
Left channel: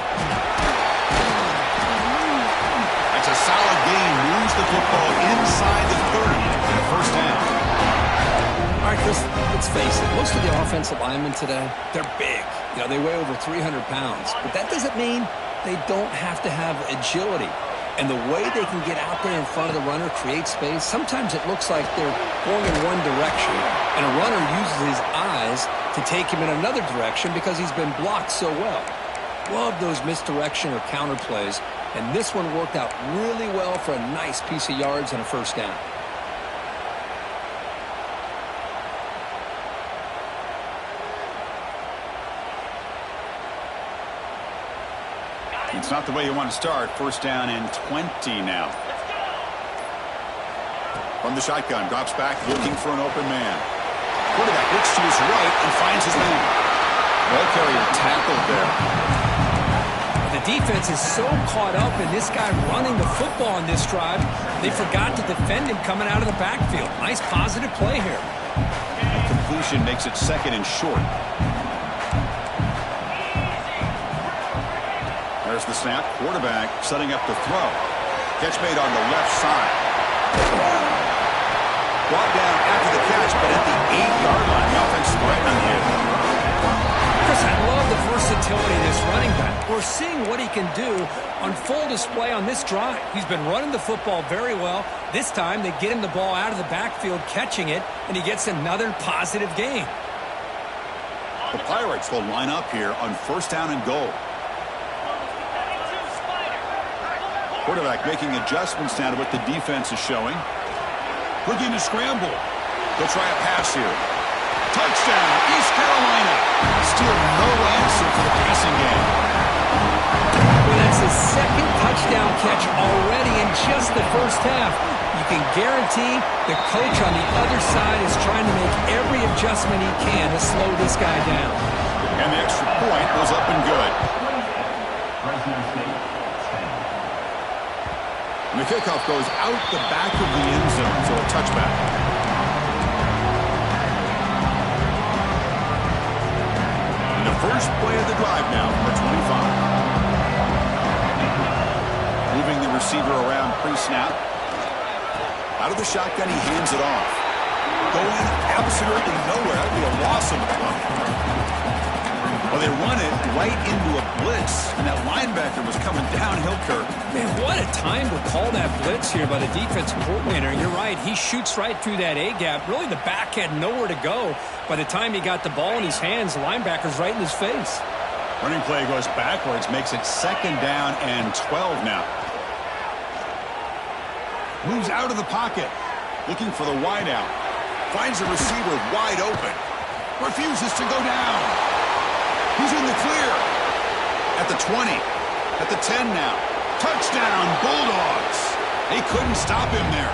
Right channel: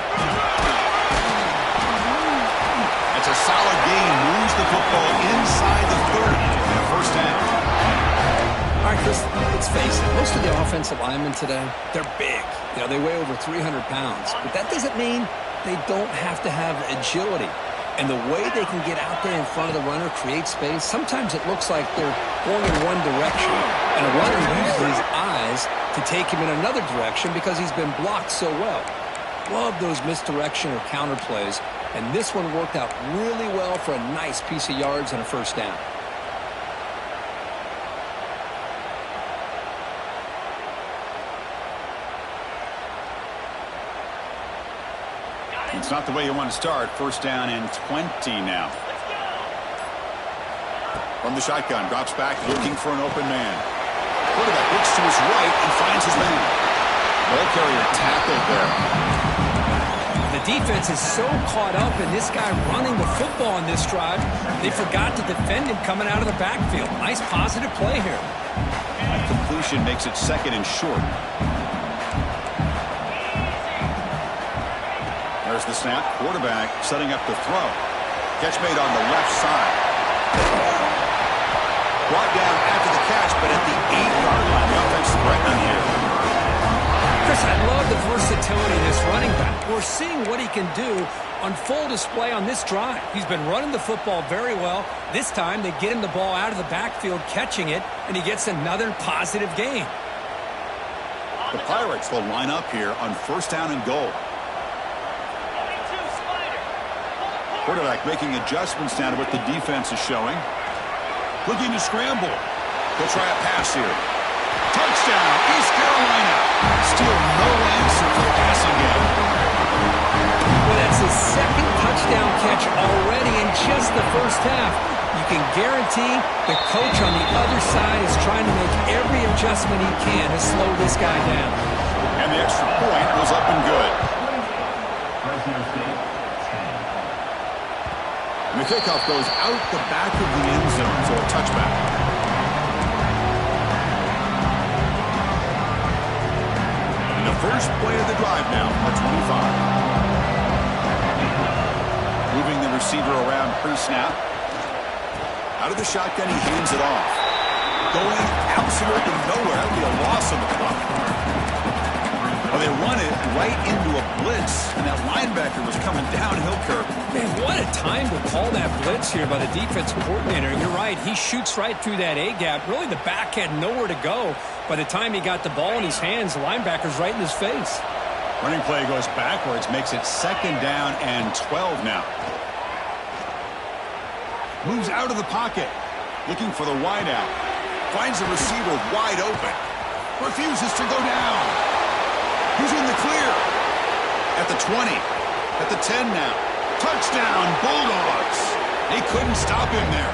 That's a solid gain. Moves the football inside the 30 and a 1st down. All right, Chris, let's face it. Most of the offensive linemen today, they're big. You know, they weigh over 300 pounds. But that doesn't mean they don't have to have agility. And the way they can get out there in front of the runner, create space, sometimes it looks like they're going in one direction. And a runner uses his eyes to take him in another direction because he's been blocked so well. Love those misdirection or counter plays. And this one worked out really well for a nice piece of yards and a 1st down. It's not the way you want to start. 1st down and 20 now. Let's go. From the shotgun, drops back, looking for an open man. Quarterback looks to his right and finds his man. Ball carrier tackled there. The defense is so caught up in this guy running the football on this drive, they forgot to defend him coming out of the backfield. Nice positive play here. That completion makes it 2nd and short. There's the snap. Quarterback setting up the throw. Catch made on the left side. Brought down after the catch, but at the 8-yard line, the offense threatening here. Chris, I love the versatility of this running back. We're seeing what he can do on full display on this drive. He's been running the football very well. This time, they get him the ball out of the backfield, catching it, and he gets another positive gain. The Pirates will line up here on 1st down and goal. Quarterback making adjustments now to what the defense is showing. Looking to scramble. They'll try a pass here. Touchdown, East Carolina. Still no answer for the passing game. Well, that's his 2nd touchdown catch already in just the 1st half. You can guarantee the coach on the other side is trying to make every adjustment he can to slow this guy down. And the extra point was up and good. Fresno State, 10. And the kickoff goes out the back of the end zone, so a touchback. And the first play of the drive now for 25. Moving the receiver around pre-snap. Out of the shotgun, he hands it off. Going absolutely nowhere. That would be a loss of the play. Well, they run it right into a blitz, and that linebacker was coming downhill, Kirk. Man, what a time to call that blitz here by the defensive coordinator. You're right. He shoots right through that A-gap. Really, the back had nowhere to go. By the time he got the ball in his hands, the linebacker's right in his face. Running play goes backwards, makes it 2nd down and 12 now. Moves out of the pocket, looking for the wideout. Finds the receiver wide open. Refuses to go down. He's in the clear. At the 20. At the 10 now. Touchdown, Bulldogs. They couldn't stop him there.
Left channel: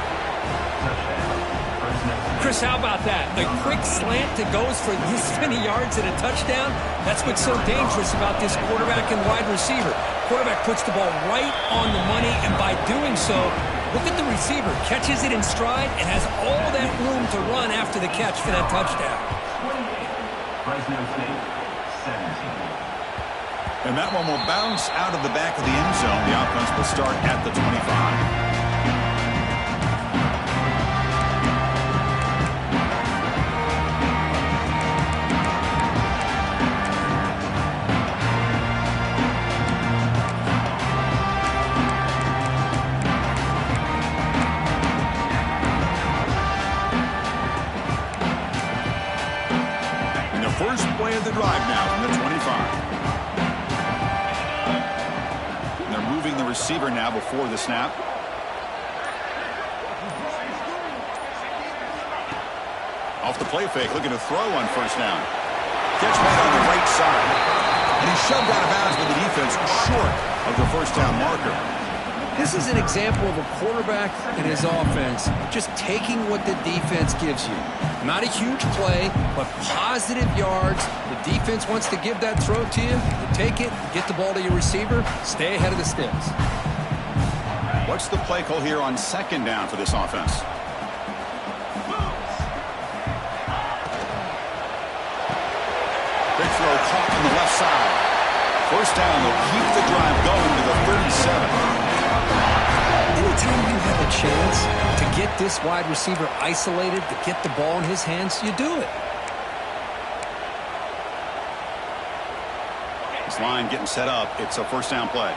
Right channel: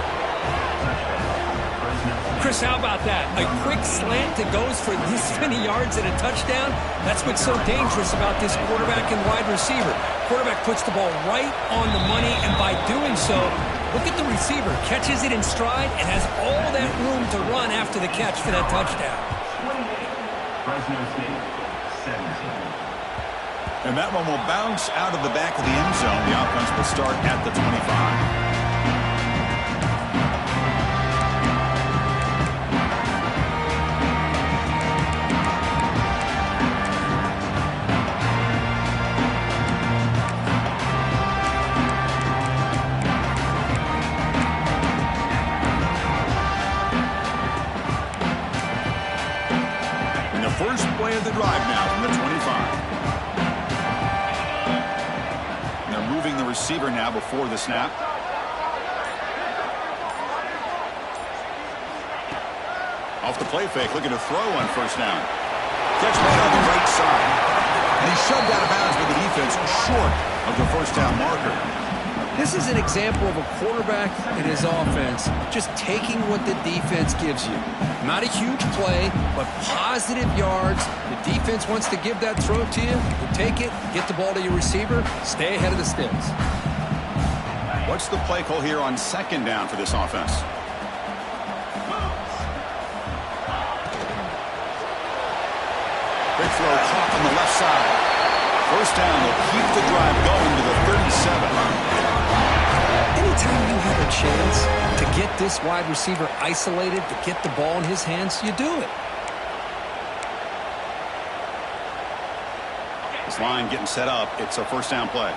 Chris, how about that? A quick slant that goes for this many yards and a touchdown? That's what's so dangerous about this quarterback and wide receiver. Quarterback puts the ball right on the money, and by doing so, look at the receiver. Catches it in stride and has all that room to run after the catch for that touchdown. 28. Fresno State, 17. And that one will bounce out of the back of the end zone. The offense will start at the 25. first play of the drive now from the 25. And they're moving the receiver now before the snap. Off the play fake, looking to throw on first down. Catch made on the right side. And he's shoved out of bounds with the defense short of the first down marker. This is an example of a quarterback and his offense just taking what the defense gives you. Not a huge play, but positive yards. The defense wants to give that throw to you. You take it, get the ball to your receiver, stay ahead of the sticks. What's the play call here on second down for this offense? Quick throw caught on the left side. First down, they'll keep the drive going to the 37. Anytime you have a chance to get this wide receiver isolated, to get the ball in his hands, you do it. This line getting set up. It's a first down play.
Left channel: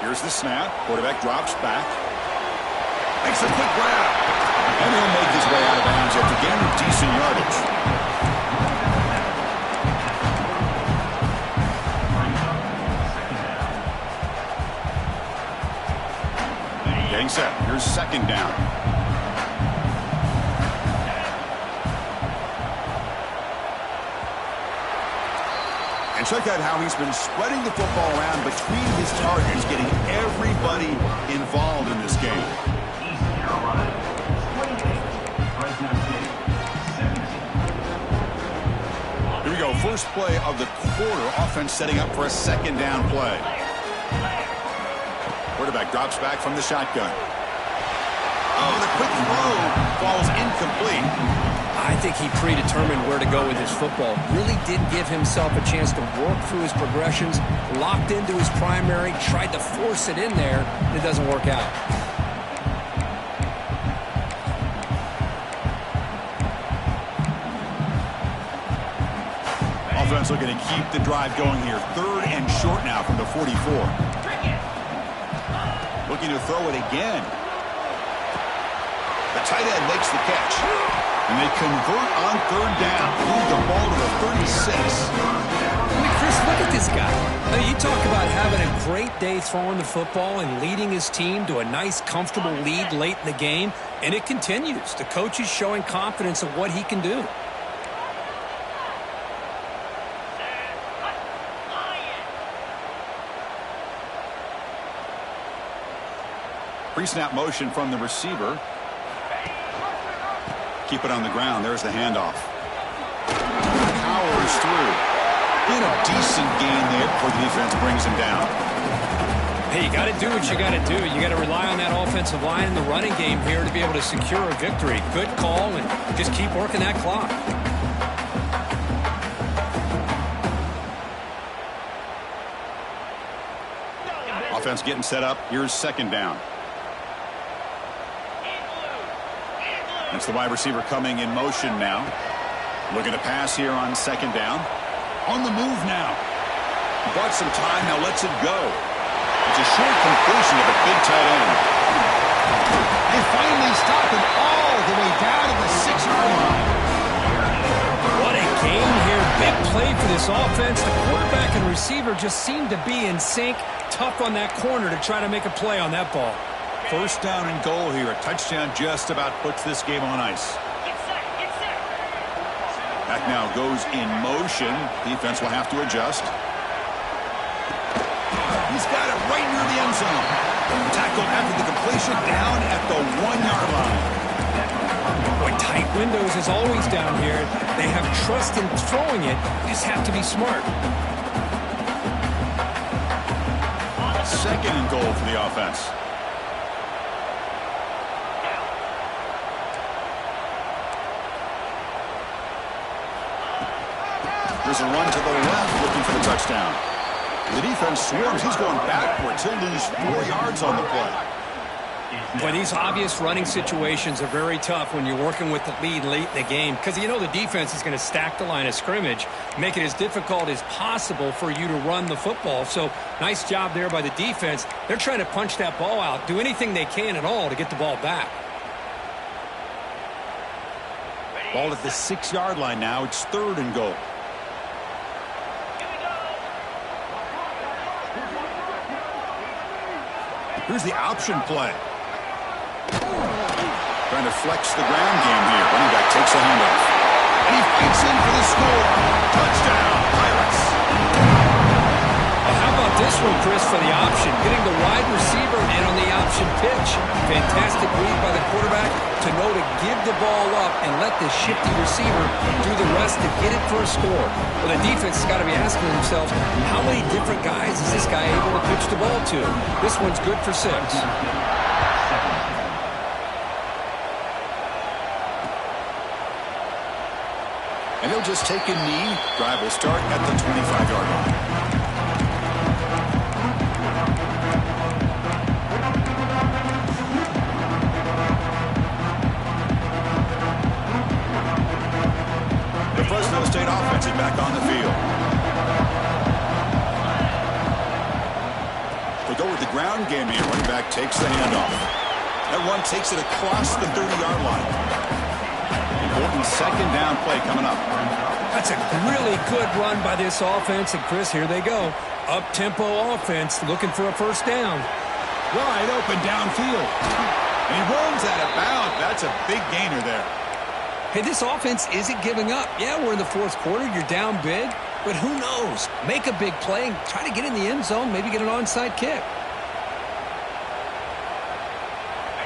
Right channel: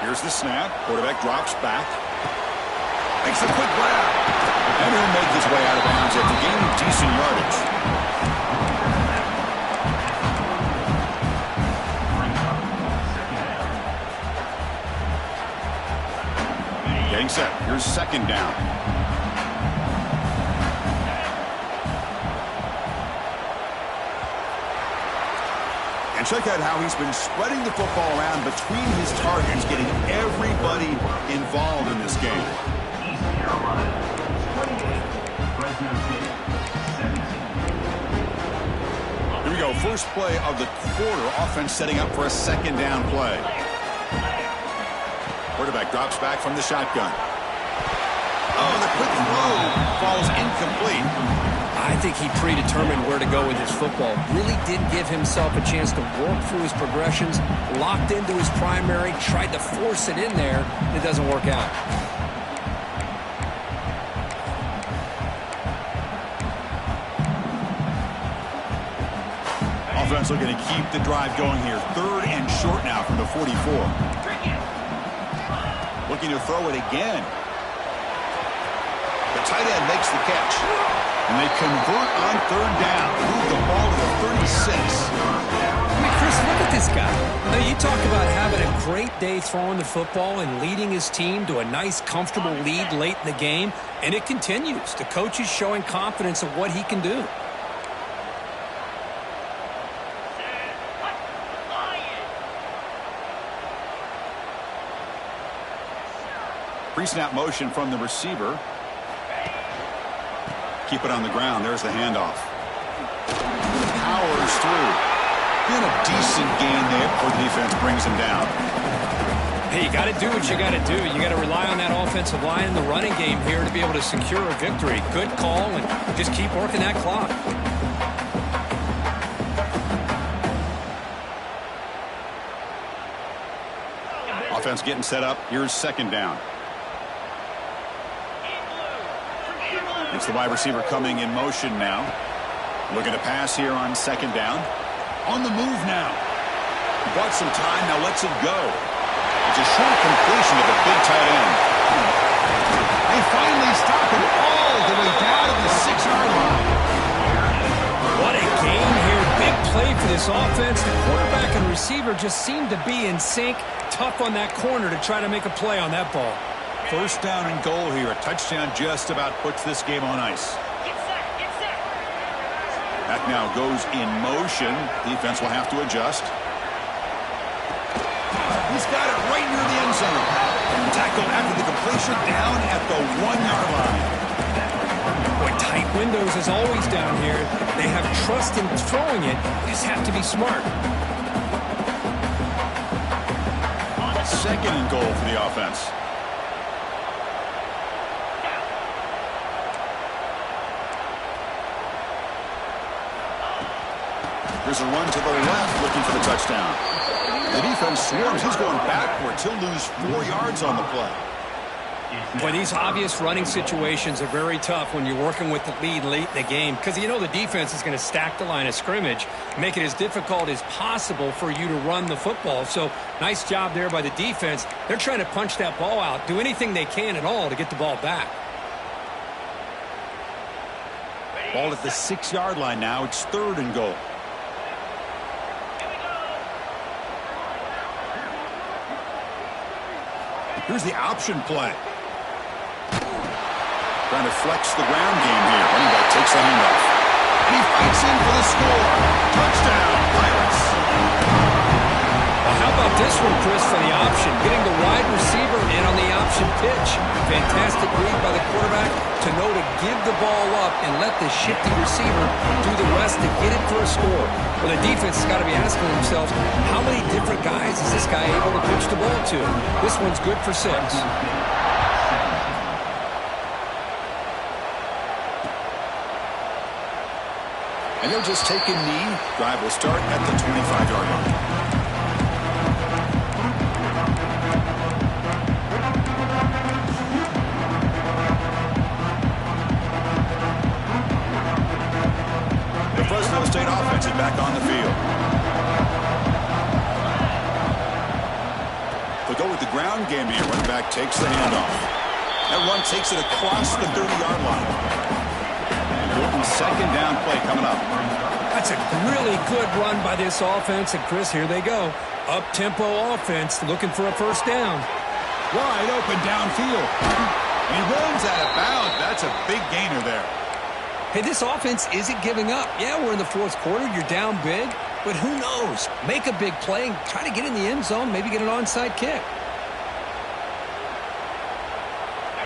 Here's the snap. Quarterback drops back. Makes a quick grab. And he'll make his way out of bounds after gaining decent yardage. Getting set. Here's second down. And check out how he's been spreading the football around between his targets, getting everybody involved in this game. East Carolina, 28. Fresno State, 17. Here we go. First play of the quarter. Offense setting up for a second down play. Quarterback drops back from the shotgun. Oh, the quick throw falls incomplete. I think he predetermined where to go with his football. Really did give himself a chance to work through his progressions, locked into his primary, tried to force it in there, and it doesn't work out. Offense looking to keep the drive going here. Third and short now from the 44. Looking to throw it again. The tight end makes the catch. And they convert on third down. Move the ball to the 36. I mean, Chris, look at this guy. Now, you talk about having a great day throwing the football and leading his team to a nice, comfortable lead late in the game, and it continues. The coach is showing confidence of what he can do. Pre-snap motion from the receiver. Keep it on the ground. There's the handoff. Powers through. In a decent gain there before the defense brings him down. Hey, you got to do what you got to do. You got to rely on that offensive line in the running game here to be able to secure a victory. Good call, and just keep working that clock. Offense getting set up. Here's second down. It's the wide receiver coming in motion now. Looking to pass here on second down. On the move now. Bought some time, now lets it go. It's a short completion to the big tight end. They finally stop him all the way down to the 6-yard line. What a game here. Big play for this offense. The quarterback and receiver just seem to be in sync. Tough on that corner to try to make a play on that ball. First down and goal here. A touchdown just about puts this game on ice. Get set, get set. Back now goes in motion. Defense will have to adjust. He's got it right near the end zone. Tackle after the completion down at the 1-yard line. Boy, tight windows as always down here. They have trust in throwing it. You just have to be smart. Second and goal for the offense. There's a run to the left looking for the touchdown. The defense swarms. He's going backwards. He'll lose 4 yards on the play. Boy, these obvious running situations are very tough when you're working with the lead late in the game because you know the defense is going to stack the line of scrimmage, make it as difficult as possible for you to run the football. So nice job there by the defense. They're trying to punch that ball out, do anything they can at all to get the ball back. Ball at the 6-yard line now. It's 3rd and goal. Here we go. Here's the option play. Trying to flex the ground game here. Running back takes the handoff. And he fights in for the score. Touchdown, Pirates. Well, how about this one, Chris, for the option? Getting the wide receiver in on the option pitch. Fantastic read by the quarterback to know to give the ball up and let the shifty receiver do the rest to get it for a score. Well, the defense has got to be asking themselves, how many different guys is this guy able to pitch the ball to? This one's good for 6. And they'll just take a knee. Drive will start at the 25-yard line. The Fresno State offense is back on the field. They'll go with the ground game here. Running back takes the handoff. That run takes it across the 30-yard line. Important 2nd down play coming up. That's a really good run by this offense. And, Chris, here they go. Up-tempo offense looking for a 1st down. Wide open downfield. And he runs out of bounds. That's a big gainer there. Hey, this offense isn't giving up. Yeah, we're in the 4th quarter. You're down big. But who knows? Make a big play and try to get in the end zone, maybe get an onside kick.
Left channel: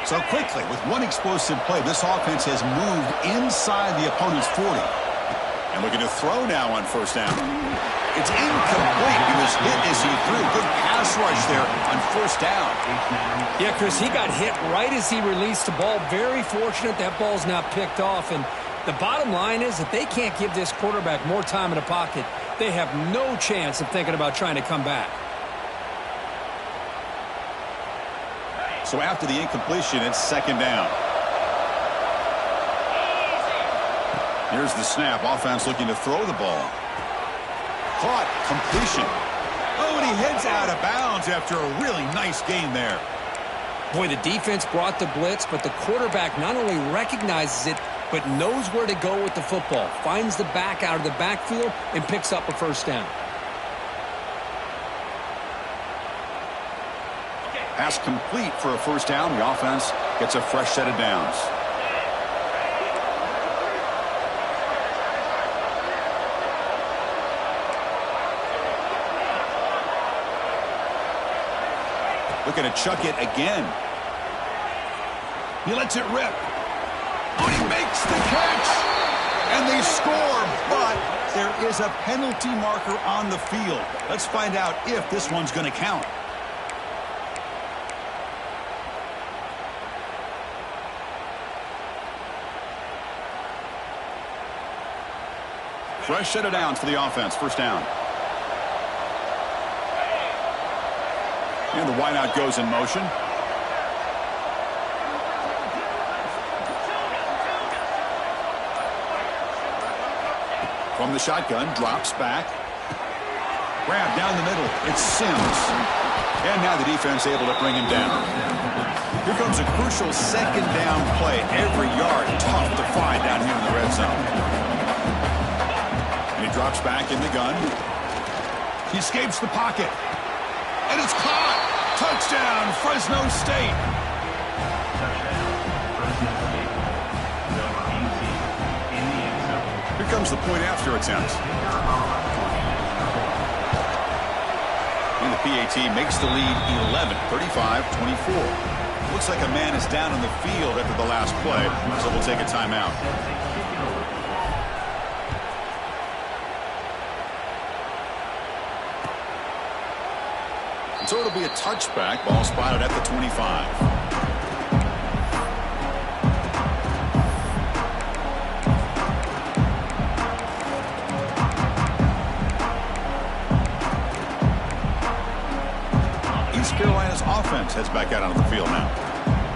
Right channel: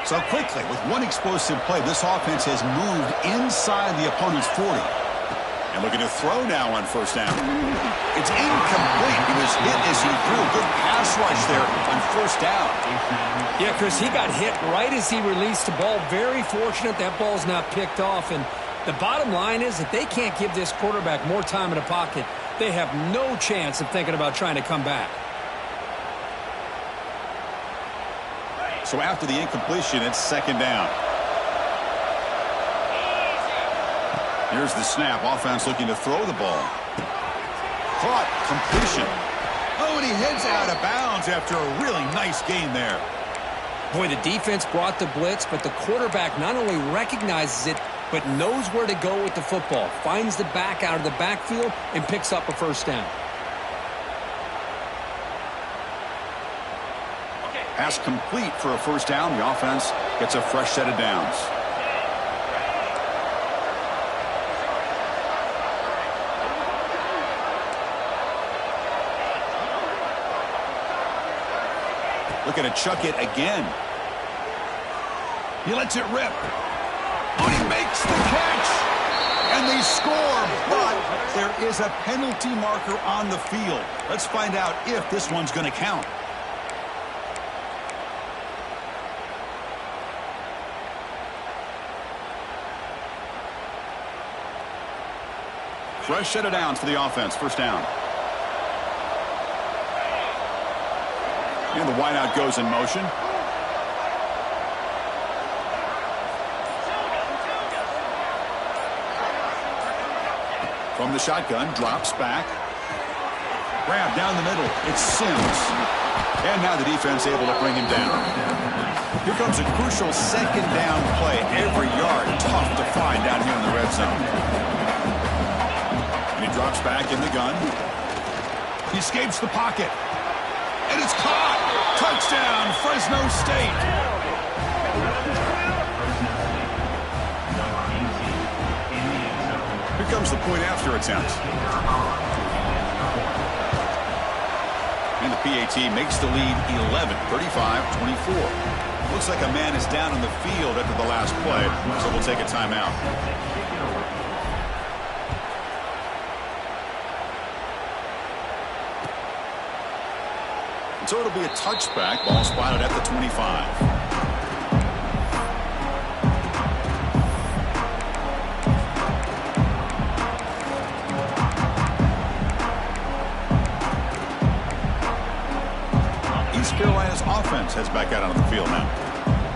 So quickly, with one explosive play, this offense has moved inside the opponent's 40. And looking to throw now on 1st down. It's incomplete. He was hit as he threw. Good pass rush there on 1st down. Yeah, Chris, he got hit right as he released the ball. Very fortunate that ball's not picked off. And the bottom line is that they can't give this quarterback more time in the pocket. They have no chance of thinking about trying to come back. So after the incompletion, it's 2nd down. Here's the snap. Offense looking to throw the ball. Caught. Completion. Oh, and he heads out of bounds after a really nice gain there. Boy, the defense brought the blitz, but the quarterback not only recognizes it, but knows where to go with the football. Finds the back out of the backfield and picks up a 1st down. Pass complete for a 1st down. The offense gets a fresh set of downs. Looking to chuck it again. He lets it rip. Oh, he makes the catch. And they score, but there is a penalty marker on the field. Let's find out if this one's going to count. Fresh set of downs for the offense. 1st down. And the wideout goes in motion. From the shotgun, drops back. Grab down the middle. It's Sims. And now the defense able to bring him down. Here comes a crucial 2nd down play. Every yard tough to find down here in the red zone. And he drops back in the gun. He escapes the pocket. And it's caught. Touchdown, Fresno State. Here comes the point after attempt. And the PAT makes the lead 11, 35-24. Looks like a man is down on the field after the last play, so we'll take a timeout. So it'll be a touchback. Ball spotted at the 25. East Carolina's offense heads back out onto the field now.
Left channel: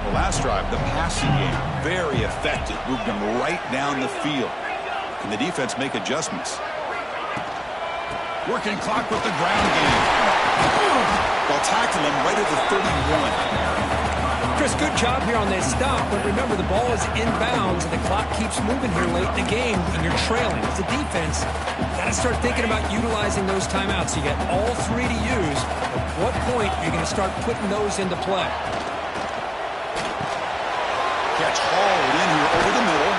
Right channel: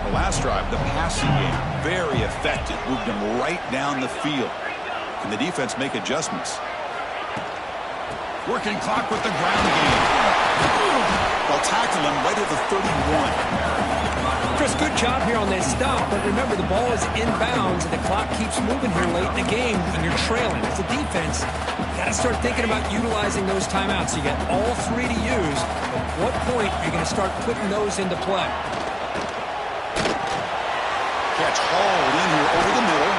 The last drive, the passing game, very effective. Moved them right down the field. Can the defense make adjustments? Working clock with the ground game. They'll tackle him right at the 31. Chris, good job here on that stop, but remember the ball is inbounds and the clock keeps moving here late in the game and you're trailing. As a defense, you got to start thinking about utilizing those timeouts. You got all three to use. At what point are you going to start putting those into play? Catch hauled in here over the middle.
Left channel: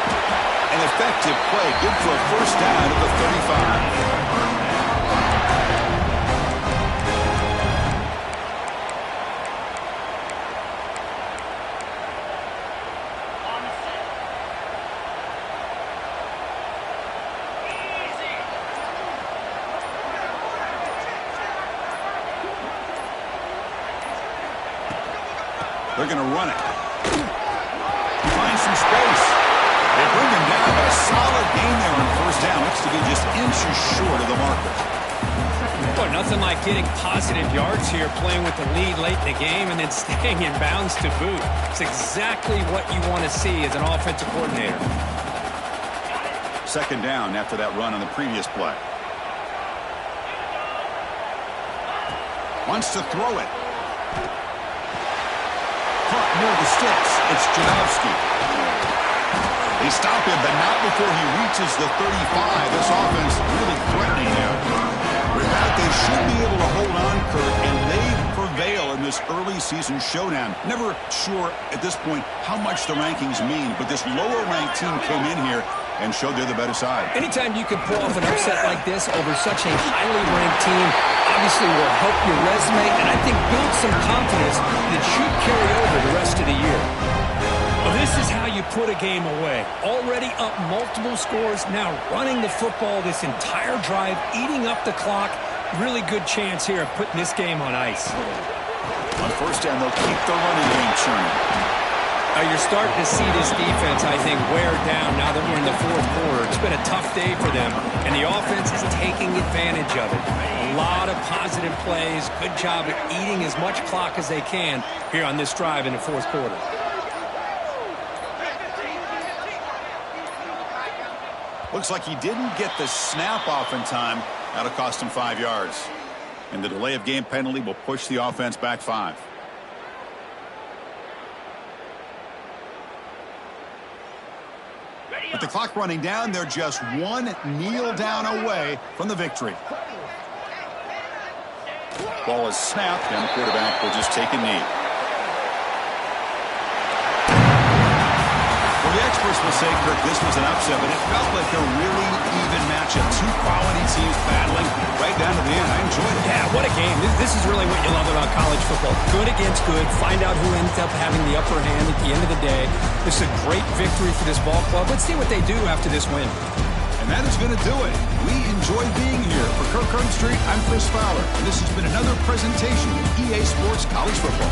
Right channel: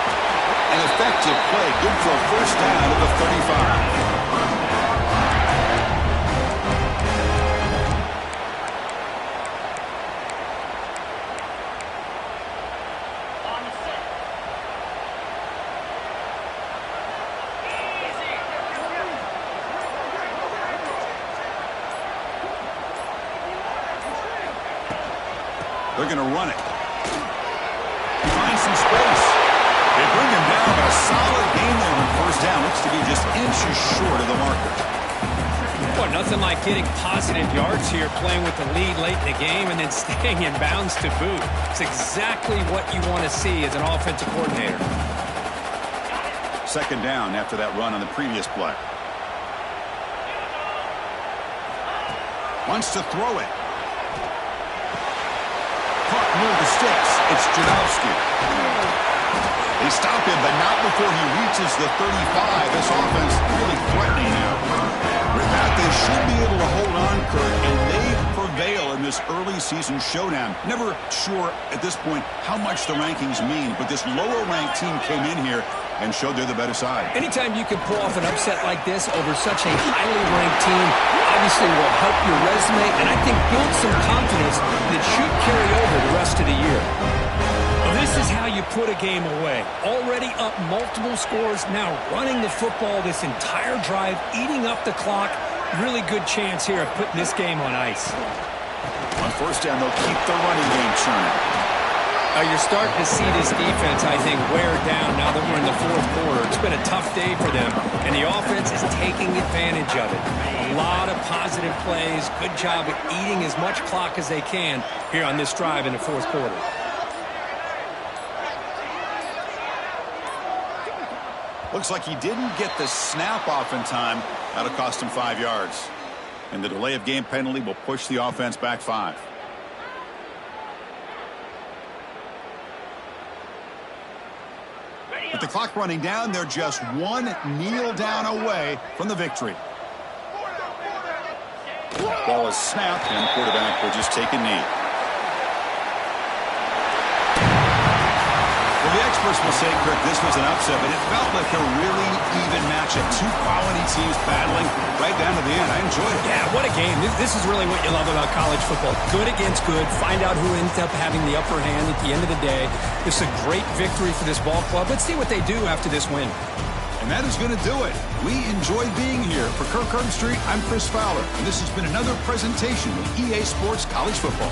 An effective play. Good for a first down at the 35. They're going to run it. He finds some space. They bring him down, but a solid gain there on first down. Looks to be just inches short of the marker. Well, nothing like getting positive yards here, playing with the lead late in the game, and then staying in bounds to boot. It's exactly what you want to see as an offensive coordinator. Second down after that run on the previous play. Wants to throw it. Caught near the sticks. It's Janowski. They stop him, but not before he reaches the 35. This offense really threatening now. With that, they should be able to hold on, Kurt, and they prevail in this early season showdown. Never sure at this point how much the rankings mean, but this lower-ranked team came in here and showed they're the better side. Anytime you can pull off an upset like this over such a highly ranked team, obviously will help your resume and I think build some confidence that should carry over the rest of the year. Well, this is how you put a game away. Already up multiple scores, now running the football this entire drive, eating up the clock. Really good chance here of putting this game on ice. On first down, they'll keep the running game churning. You're starting to see this defense, I think, wear down now that we're in the fourth quarter. It's been a tough day for them, and the offense is taking advantage of it. A lot of positive plays. Good job at eating as much clock as they can here on this drive in the fourth quarter. Looks like he didn't get the snap off in time. That'll cost him 5 yards. And the delay of game penalty will push the offense back 5. With the clock running down, they're just one kneel down away from the victory. Ball is snapped, and the quarterback will just take a knee. Well, the experts will say, Kirk, this was an upset, but it felt like a really even matchup. Two quality teams battling right down to the end. I enjoyed it. Yeah, what a game. This is really what you love about college football. Good against good. Find out who ends up having the upper hand at the end of the day. This is a great victory for this ball club. Let's see what they do after this win. And that is going to do it. We enjoy being here. For Kirk Street, I'm Chris Fowler, and this has been another presentation of EA Sports College Football.